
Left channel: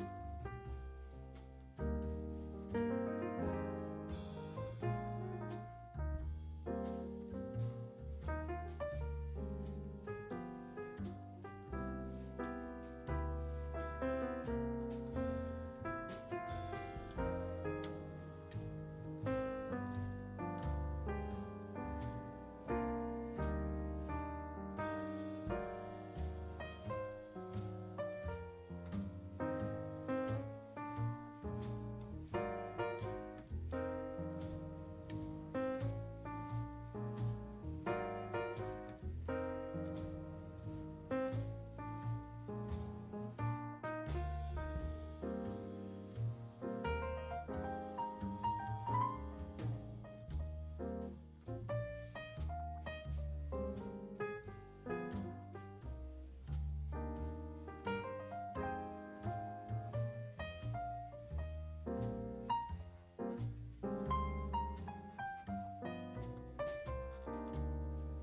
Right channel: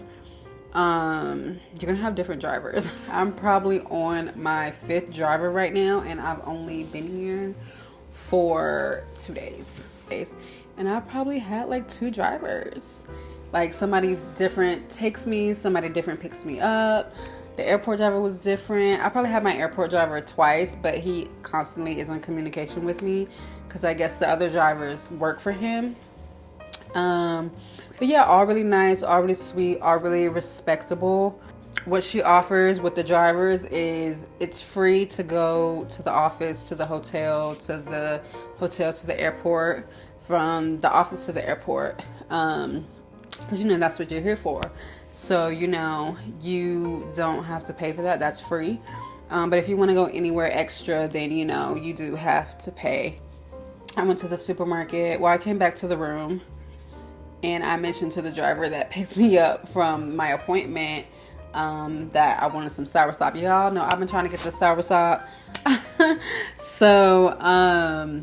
you're gonna have different drivers. I'm probably on my 5th driver right now, and I've only been here for 2 days. And I probably had like 2 drivers. Like somebody different takes me, somebody different picks me up. The airport driver was different. I probably had my airport driver twice, but he constantly is in communication with me because I guess the other drivers work for him. But yeah, all really nice, all really sweet, all really respectable. What she offers with the drivers is it's free to go to the office, to the hotel, to the airport, from the office to the airport, because you know that's what you're here for. So you know you don't have to pay for that. That's free. But if you want to go anywhere extra, then you know you do have to pay. I went to the supermarket. Well, I came back to the room, and I mentioned to the driver that picked me up from my appointment, that I wanted some soursop. Y'all know I've been trying to get the soursop. So I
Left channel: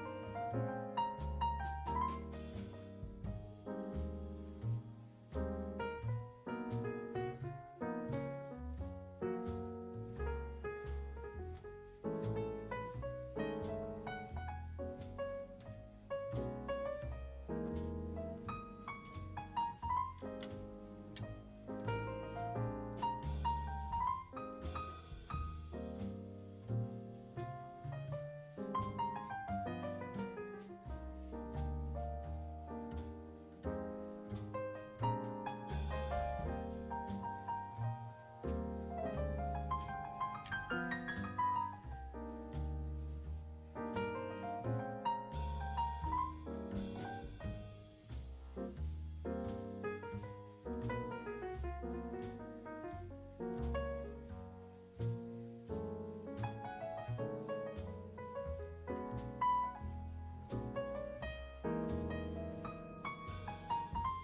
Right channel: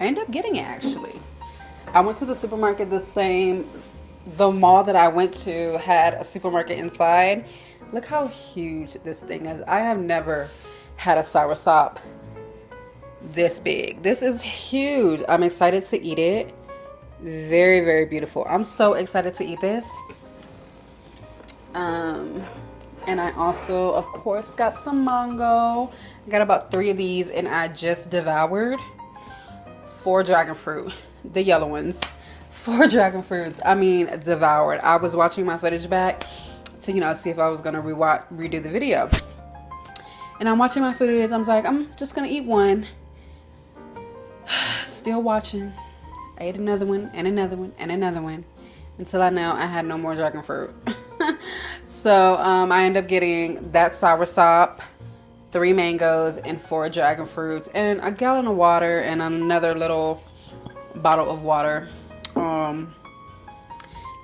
ended up getting it actually. I went to the supermarket the mall that I went to had a supermarket inside. Look how huge this thing is. I have never had a soursop this big. This is huge. I'm excited to eat it. Very, very beautiful. I'm so excited to eat this. And I also, of course, got some mango. I got about 3 of these, and I just devoured 4 dragon fruit, the yellow ones. 4 dragon fruits. I mean, devoured. I was watching my footage back to, see if I was gonna redo the video. And I'm watching my footage. I'm like, I'm just gonna eat one. Still watching. I ate another one and another one and another one until I know I had no more dragon fruit. So I end up getting that soursop, 3 mangoes, and 4 dragon fruits, and a gallon of water, and another little bottle of water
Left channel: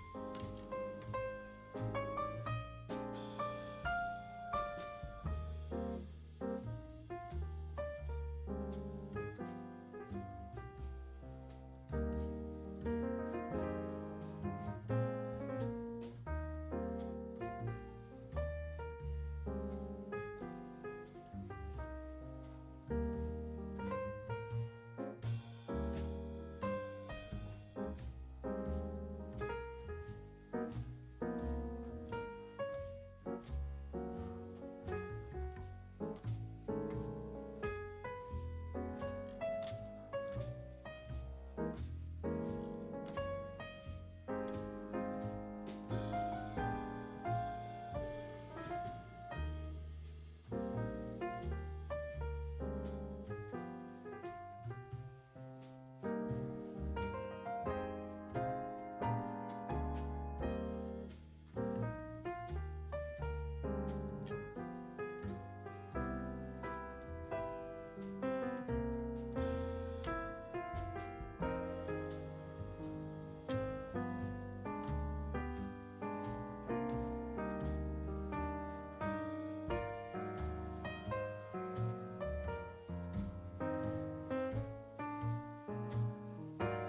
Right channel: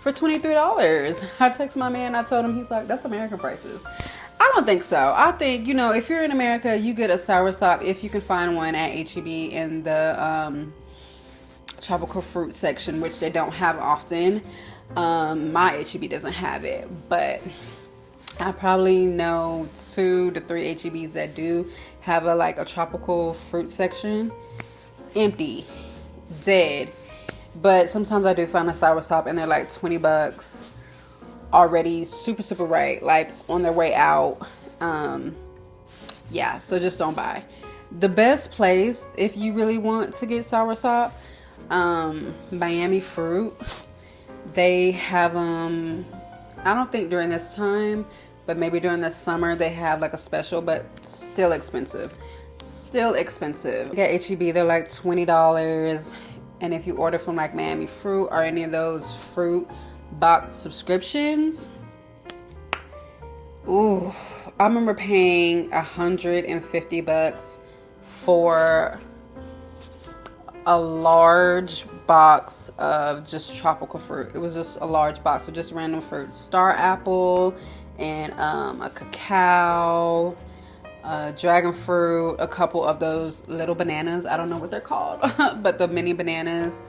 for $23. I texted my man. I told him, he's like, that's American prices. I don't think so. I think, if you're in America, you get a soursop if you can find one at H-E-B in the tropical fruit section, which they don't have often. My H-E-B doesn't have it, but I probably know 2 to 3 H-E-Bs that do have a tropical fruit section. Empty, dead. But sometimes I do find a soursop and they're like $20 already, super, super ripe, like on their way out. Yeah, so just don't buy. The best place if you really want to get soursop, Miami Fruit. They have them, I don't think during this time, but maybe during the summer they have like a special, but still expensive. Still expensive. At H-E-B, they're like $20. And if you order from like Miami Fruit or any of those fruit box subscriptions, ooh, I remember paying $150 for a large box of just tropical fruit. It was just a large box of just random fruit. Star apple and a cacao, dragon fruit, a couple of those little bananas. I don't know what they're called, but the mini bananas.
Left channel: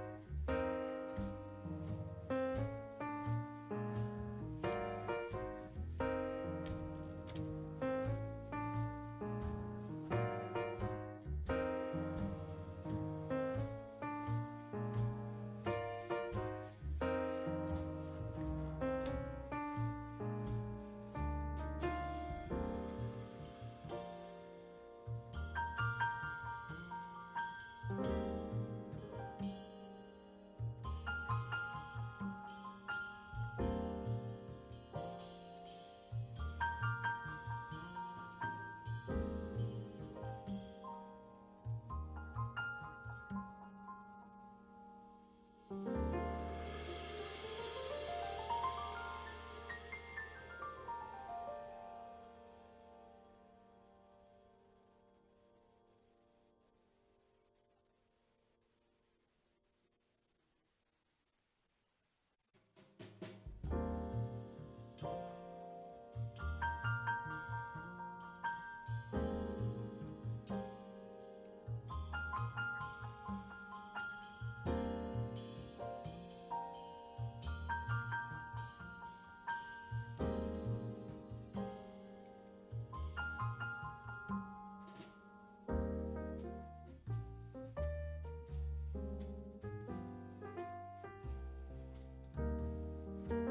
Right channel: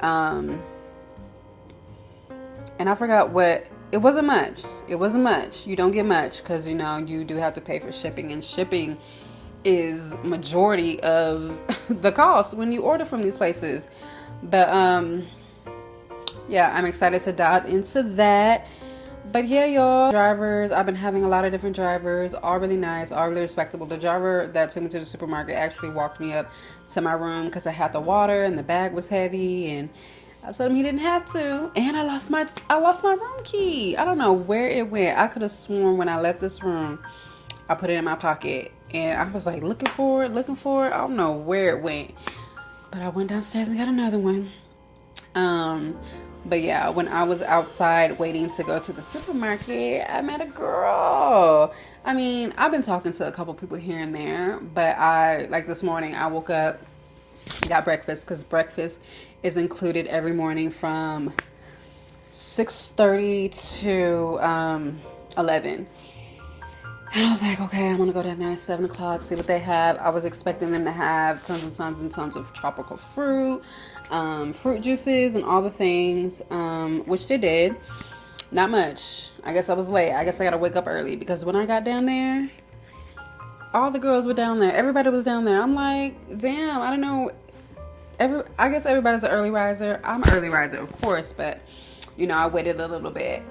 And I forgot what, it wasn't much. It wasn't much. You don't get much because, you do have to pay for shipping, and shipping is majority of the cost when you order from these places. But yeah, I'm excited to dive into that. But yeah, y'all, drivers, I've been having a lot of different drivers, all really nice, all really respectable. The driver that took me to the supermarket actually walked me up to my room because I had the water and the bag was heavy, and I told him he didn't have to. And I lost my room key. I don't know where it went. I could have sworn when I left this room, I put it in my pocket, and I was like looking for it. I don't know where it went, but I went downstairs and got another one. But yeah, when I was outside waiting to go to the supermarket, I met a girl. I mean, I've been talking to a couple people here and there, but this morning I woke up, got breakfast, because breakfast is included every morning from 6:30 to 11. And I was like, okay, I'm going to go down there at 7 o'clock, see what they have. I was expecting them to have tons and tons and tons of tropical fruit, fruit juices, and all the things, which they did. Not much. I guess I was late. I guess I got to wake up early, because when I got down there, all the girls were down there. Everybody was down there. I'm like, damn, I don't know. I guess everybody's an early riser. I'm an early riser, of course, but, I waited a little bit.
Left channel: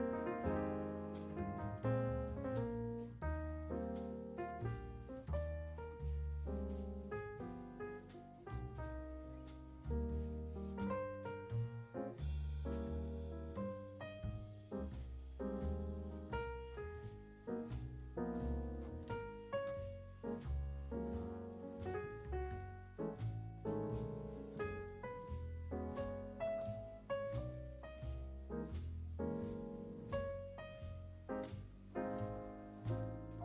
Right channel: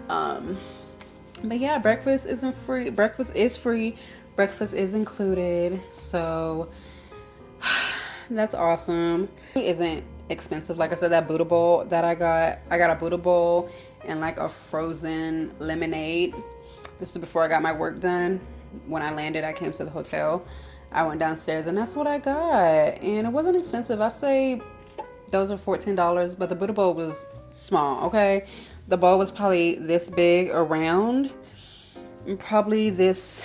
But yeah, breakfast isn't free. Breakfast is free. Breakfast is included. So that's awesome. Food isn't expensive. Like I said, that Buddha bowl that I got a Buddha bowl and like a frozen lemonade. This is before I got my work done. When I landed, I came to the hotel. I went downstairs and that's what I got. And it wasn't expensive. I say those are $14, but the Buddha bowl was small, okay? The bowl was probably this big around, and probably this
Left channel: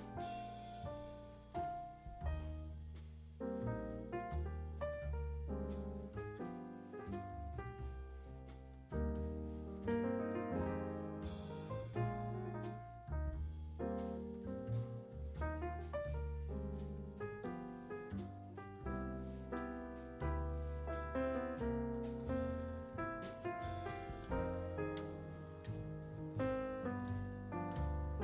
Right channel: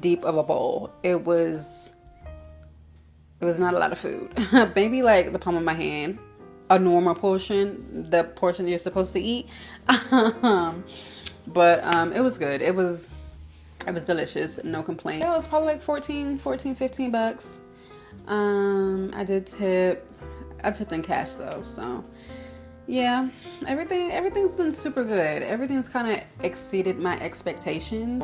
deep of a bowl. It was not a lot of food. Maybe like the palm of my hand, a normal portion, the portion you're supposed to eat. But it was good. It was delicious. No complaints. It was probably like 15 bucks. I did tip. I tipped in cash though, so yeah. Everything's been super good. Everything's kind of exceeded my expectations.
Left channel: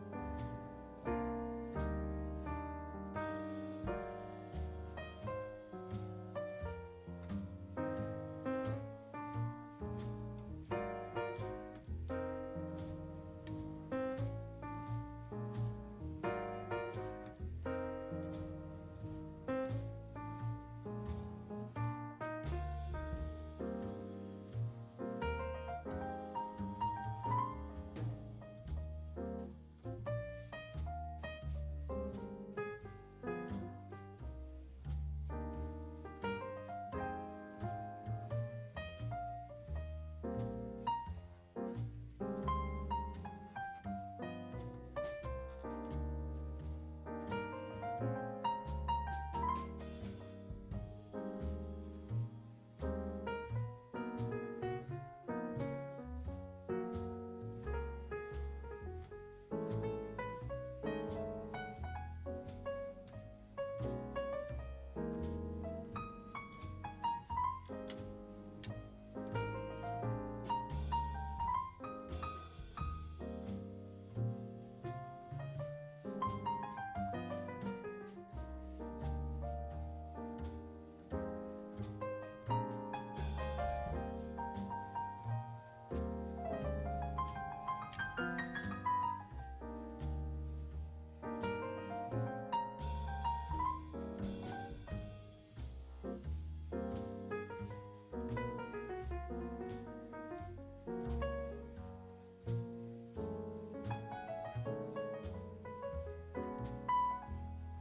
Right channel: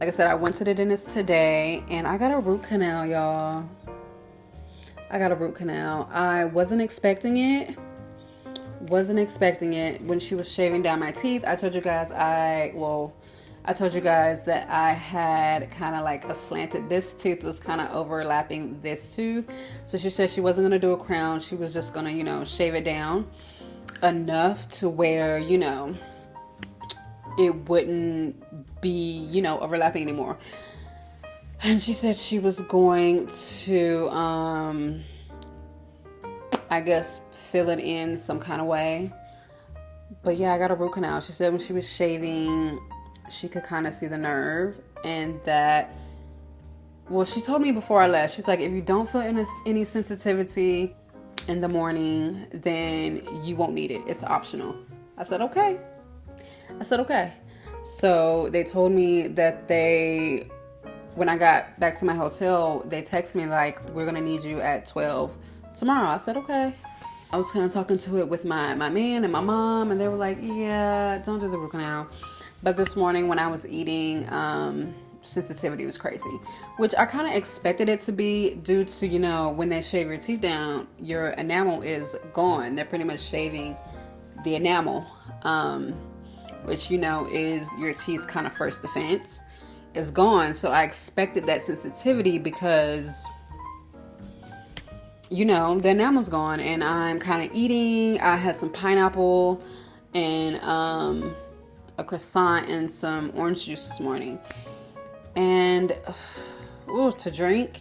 Like I said, I went to the dentist today, and I got a root canal, y'all. I got a root canal. I wasn't expecting it. When she was shaving down my teeth. I told you guys that I had kind of like a slanted, this tooth was kind of overlapping this tooth. So she said she wasn't going to do a crown. She was just going to, shave it down enough to where, it wouldn't be, overlapping anymore. And she said she was going to, I guess, fill it in some kind of way. But yeah, I got a root canal. She said when she was shaving, she could kind of see the nerve, and that, well, she told me before I left, she's like, if you don't feel any sensitivity in the morning, then you won't need it. It's optional. I said, okay. So they told me that when I got back to my hotel, they texted me like, we're going to need you at 12 tomorrow. I said, okay. I was kind of talking to it with my man and my mom, and they were like, yeah, don't do the root canal. But this morning when I was eating, sensitivity was crazy, which I kind of expected it to be due to, when they shave your teeth down, your enamel is gone. They're pretty much shaving the enamel, which, is your teeth's kind of first defense, is gone. So I expected that sensitivity because, the enamel's gone, and I'm kind of eating. I had some pineapple and a croissant and some orange juice this morning, and to drink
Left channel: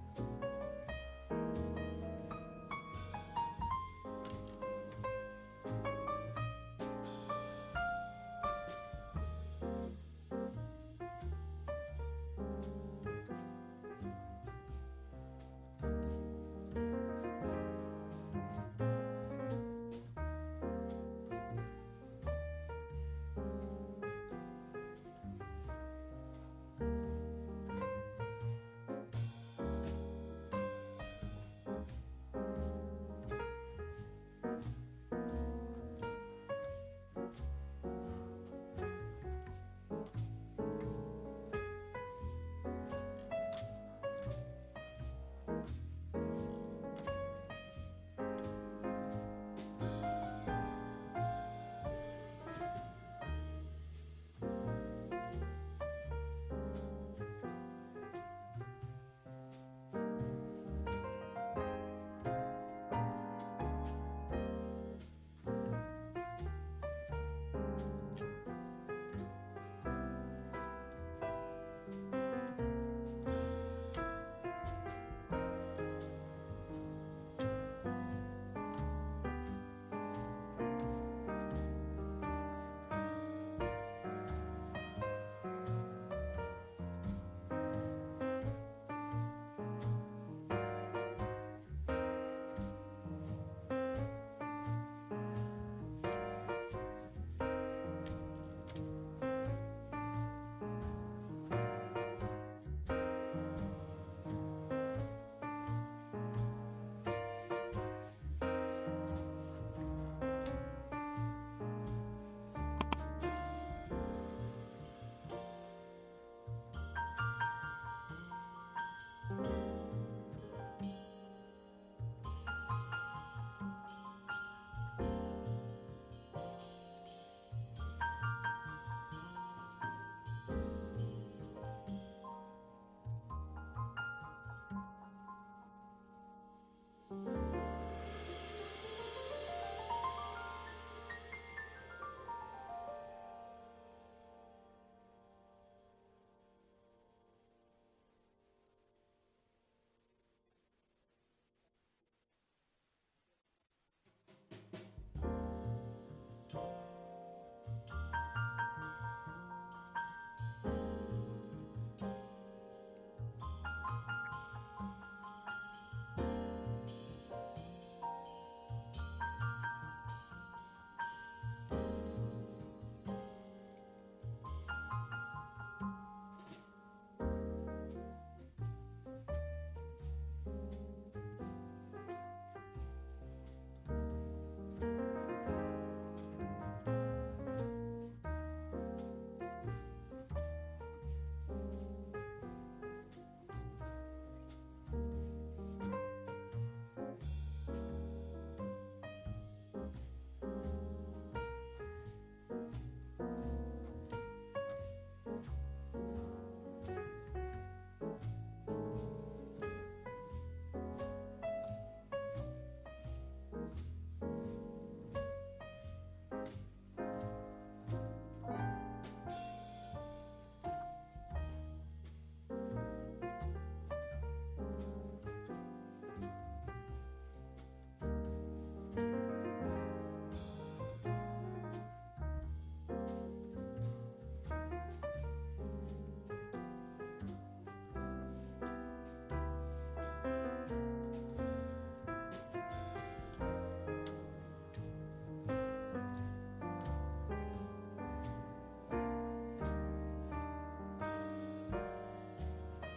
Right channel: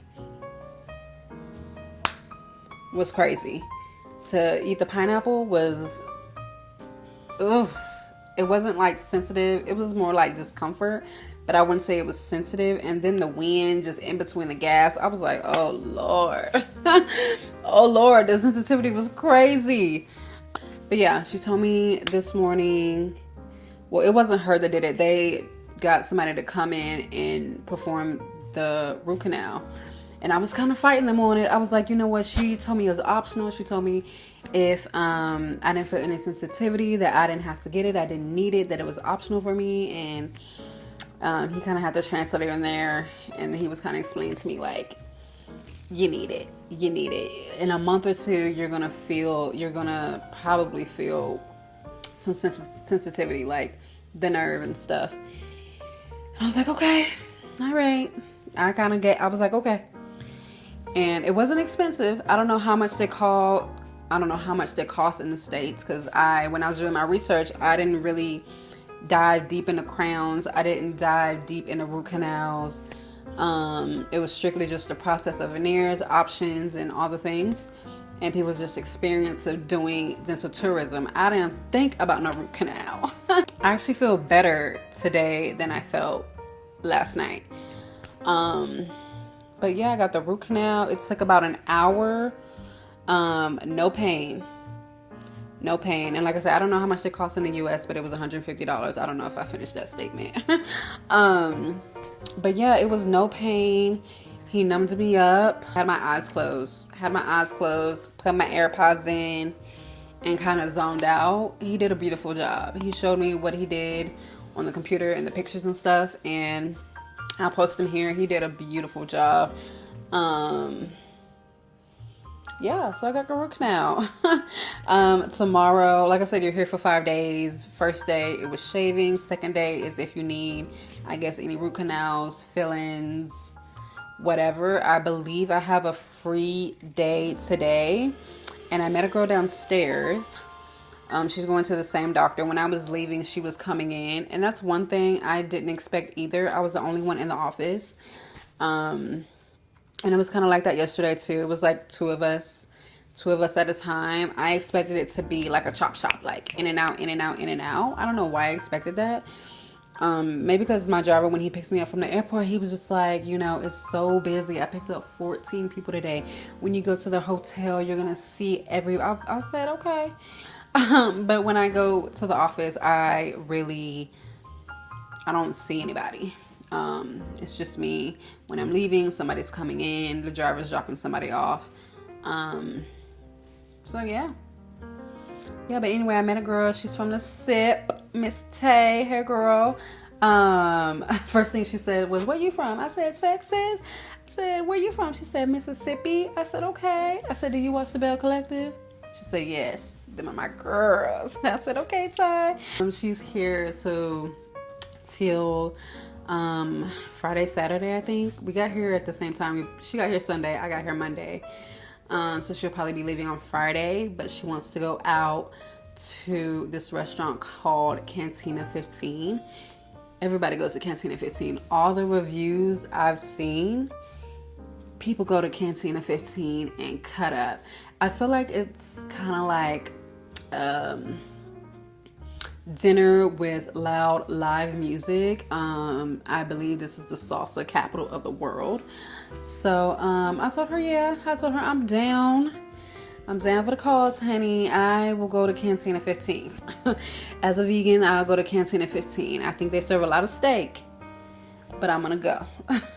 was crazy. To eat the pineapple was, it wasn't like sensitive. It was more like discomfort, but I wouldn't say it was sensitive. And then the wind just in between the gas, I was like, oh Lord. Oh Lord, the sensitivity was crazy. But yeah, she told me this morning, well, it wasn't her that did it. They got somebody to come in and perform the root canal. And I was kind of fighting them on it. I was like, you know what? She told me it was optional. She told me if I didn't feel any sensitivity, that I didn't have to get it. I didn't need it, that it was optional for me. And he kind of had the translator in there. And he was kind of explaining to me, like, you need it. In a month or two, you're going to probably feel some sensitivity, like the nerve and stuff. And I was like, okay, all right. I was like, okay. And it wasn't expensive. I don't know how much they cost in the States, because when I was doing my research, I didn't really dive deep into crowns. I didn't dive deep into root canals. It was strictly just the process of veneers, options, and all the things. And people's just experience of doing dental tourism. I didn't think about no root canal. I actually feel better today than I felt last night. But yeah, I got the root canal. It took about an hour. No pain. And like I said, I don't know how much they cost in the US, but it was $150. I don't know if I finished that statement. But yeah, it was no pain. He numbed me up. Had my eyes closed. Put my AirPods in and kind of zoned out. He did a beautiful job. He showed me what he did on the computer and the pictures and stuff, and I'll post them here. He did a beautiful job. Yeah, so I got a root canal. Tomorrow, like I said, you're here for 5 days. First day, it was shaving. Second day is if you need, I guess, any root canals, fill-ins, whatever. I believe I have a free day today. And I met a girl downstairs. She's going to the same doctor. When I was leaving, she was coming in. And that's one thing I didn't expect either. I was the only one in the office. And it was kind of like that yesterday too. It was like two of us at a time. I expected it to be like a chop shop, like in and out. I don't know why I expected that. Maybe because my driver, when he picks me up from the airport, he was just like, it's so busy. I picked up 14 people today. When you go to the hotel, you're going to see I said, okay. But when I go to the office, I really I don't see anybody. It's just me. When I'm leaving, somebody's coming in. The driver's dropping somebody off. So yeah. Yeah, but anyway, I met a girl. She's from the SIP, Miss Tay, her girl. First thing she said was, "Where you from?" I said, "Texas." I said, "Where you from?" She said, "Mississippi." I said, "Okay." I said, "Do you watch the Bell Collective?" She said, "Yes. Them are my girls." I said, "Okay, Ty." She's here so till Friday, Saturday, I think. We got here at the same time. She got here Sunday. I got here Monday. So she'll probably be leaving on Friday, but she wants to go out to this restaurant called Cantina 15. Everybody goes to Cantina 15. All the reviews I've seen, people go to Cantina 15 and cut up. I feel like it's kind of like dinner with loud live music. I believe this is the salsa capital of the world. So I told her, I'm down. I'm down for the cause, honey. I will go to Cantina 15. As a vegan, I'll go to Cantina 15. I think they serve a lot of steak, but I'm gonna go.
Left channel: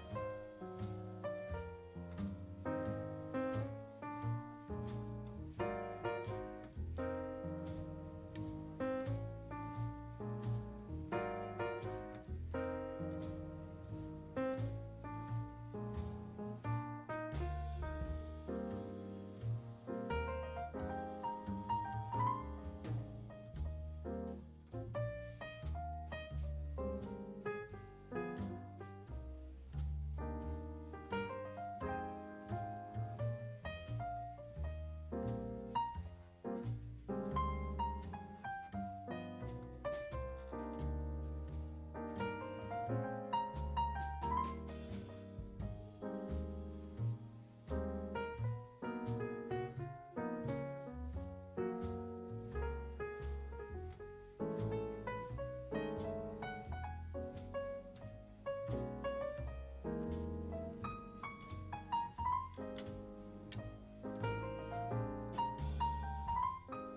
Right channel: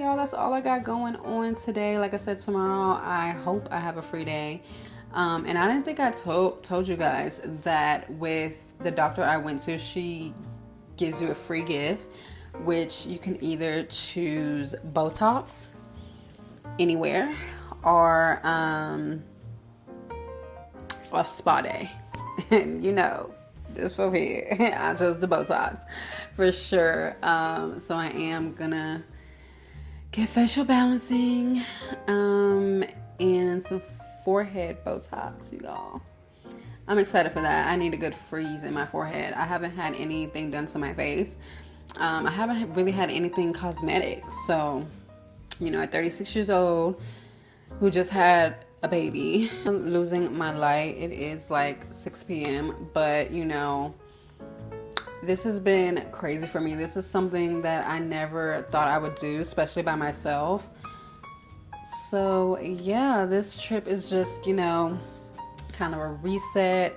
Y'all, that's all I got going on today. Like I said, tomorrow I hope I have a free day. And I didn't think I told you guys that with the doctor I went to, she gives you a free gift, which you can either choose Botox anywhere or a spa day. And you know, this from here, I chose the Botox for sure. So I am gonna get facial balancing and some forehead Botox, you all. I'm excited for that. I need a good freeze in my forehead. I haven't had anything done to my face. I haven't really had anything cosmetic. So, you know, at 36 years old, who just had a baby, I'm losing my light. It is like 6 p.m. But, you know, this has been crazy for me. This is something that I never thought I would do, especially by myself. So, yeah, this trip is just, you know, kind of a reset,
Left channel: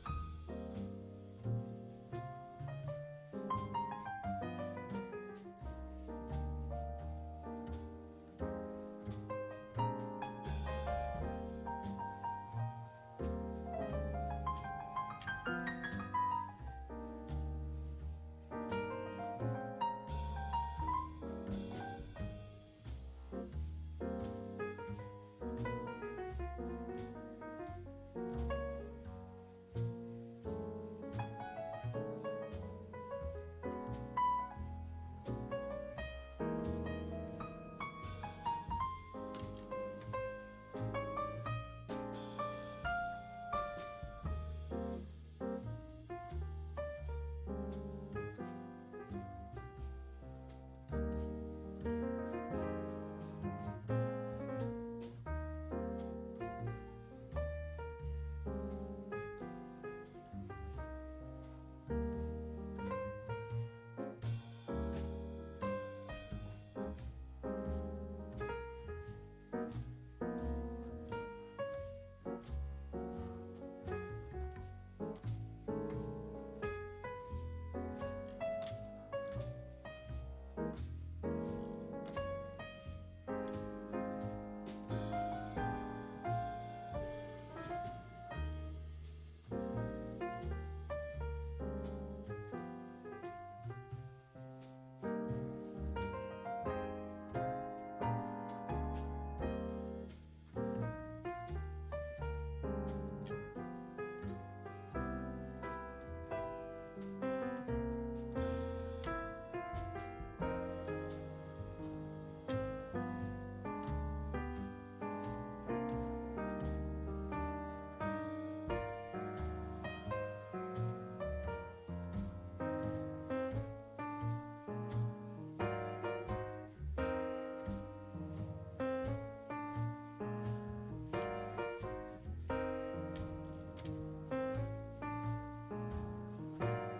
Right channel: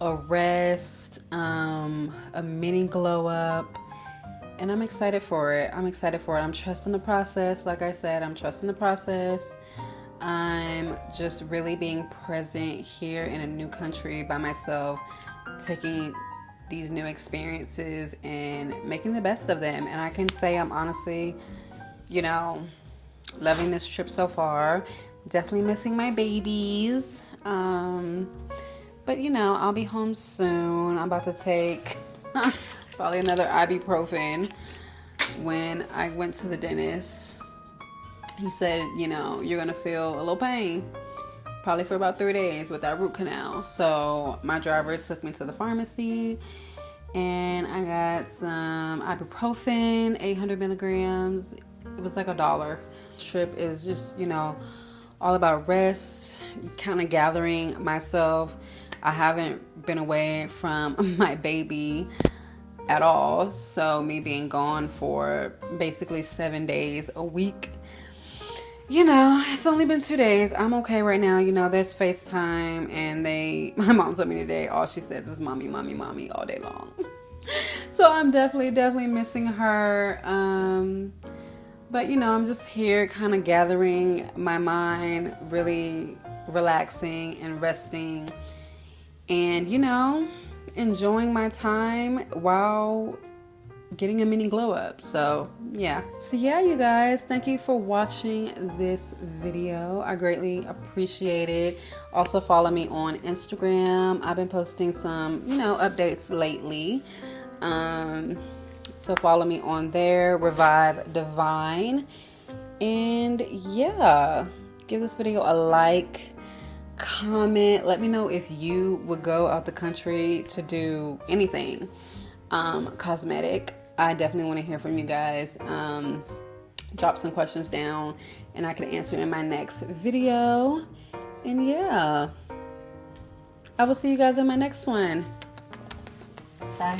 a rest, a mini glow up, and I'm excited for it. I'm trusting the process. Like I said, I'm trusting the process. I'm just really being present here in a new country by myself, taking these new experiences and making the best of them. And I can say I'm honestly, you know, loving this trip so far. Definitely missing my babies. But you know, I'll be home soon. I'm about to take probably another ibuprofen. When I went to the dentist, he said, you know, you're gonna feel a little pain probably for about 3 days with that root canal. So my driver took me to the pharmacy and I got some ibuprofen, 800 milligrams. It was like $1. Trip is just, you know, all about rest, kind of gathering myself. I haven't been away from my baby at all. So me being gone for basically 7 days a week, you know, it's only been 2 days. I'm okay right now. You know, there's FaceTime and my mom told me today, all she says is mommy, mommy, mommy all day long. So I'm definitely missing her. But, you know, I'm just here kind of gathering my mind, really relaxing and resting and, you know, enjoying my time while getting a mini glow up. So, yeah. So, yeah, you guys, thank you for watching this video. I greatly appreciate it. Also, follow me on Instagram. I've been posting some, you know, updates lately. So follow me on there, Revive Divine. And yeah, give this video a like, comment. Let me know if you would go out the country to do anything cosmetic. I definitely want to hear from you guys. Drop some questions down and I can answer in my next video. And yeah, I will see you guys in my next one. Bye.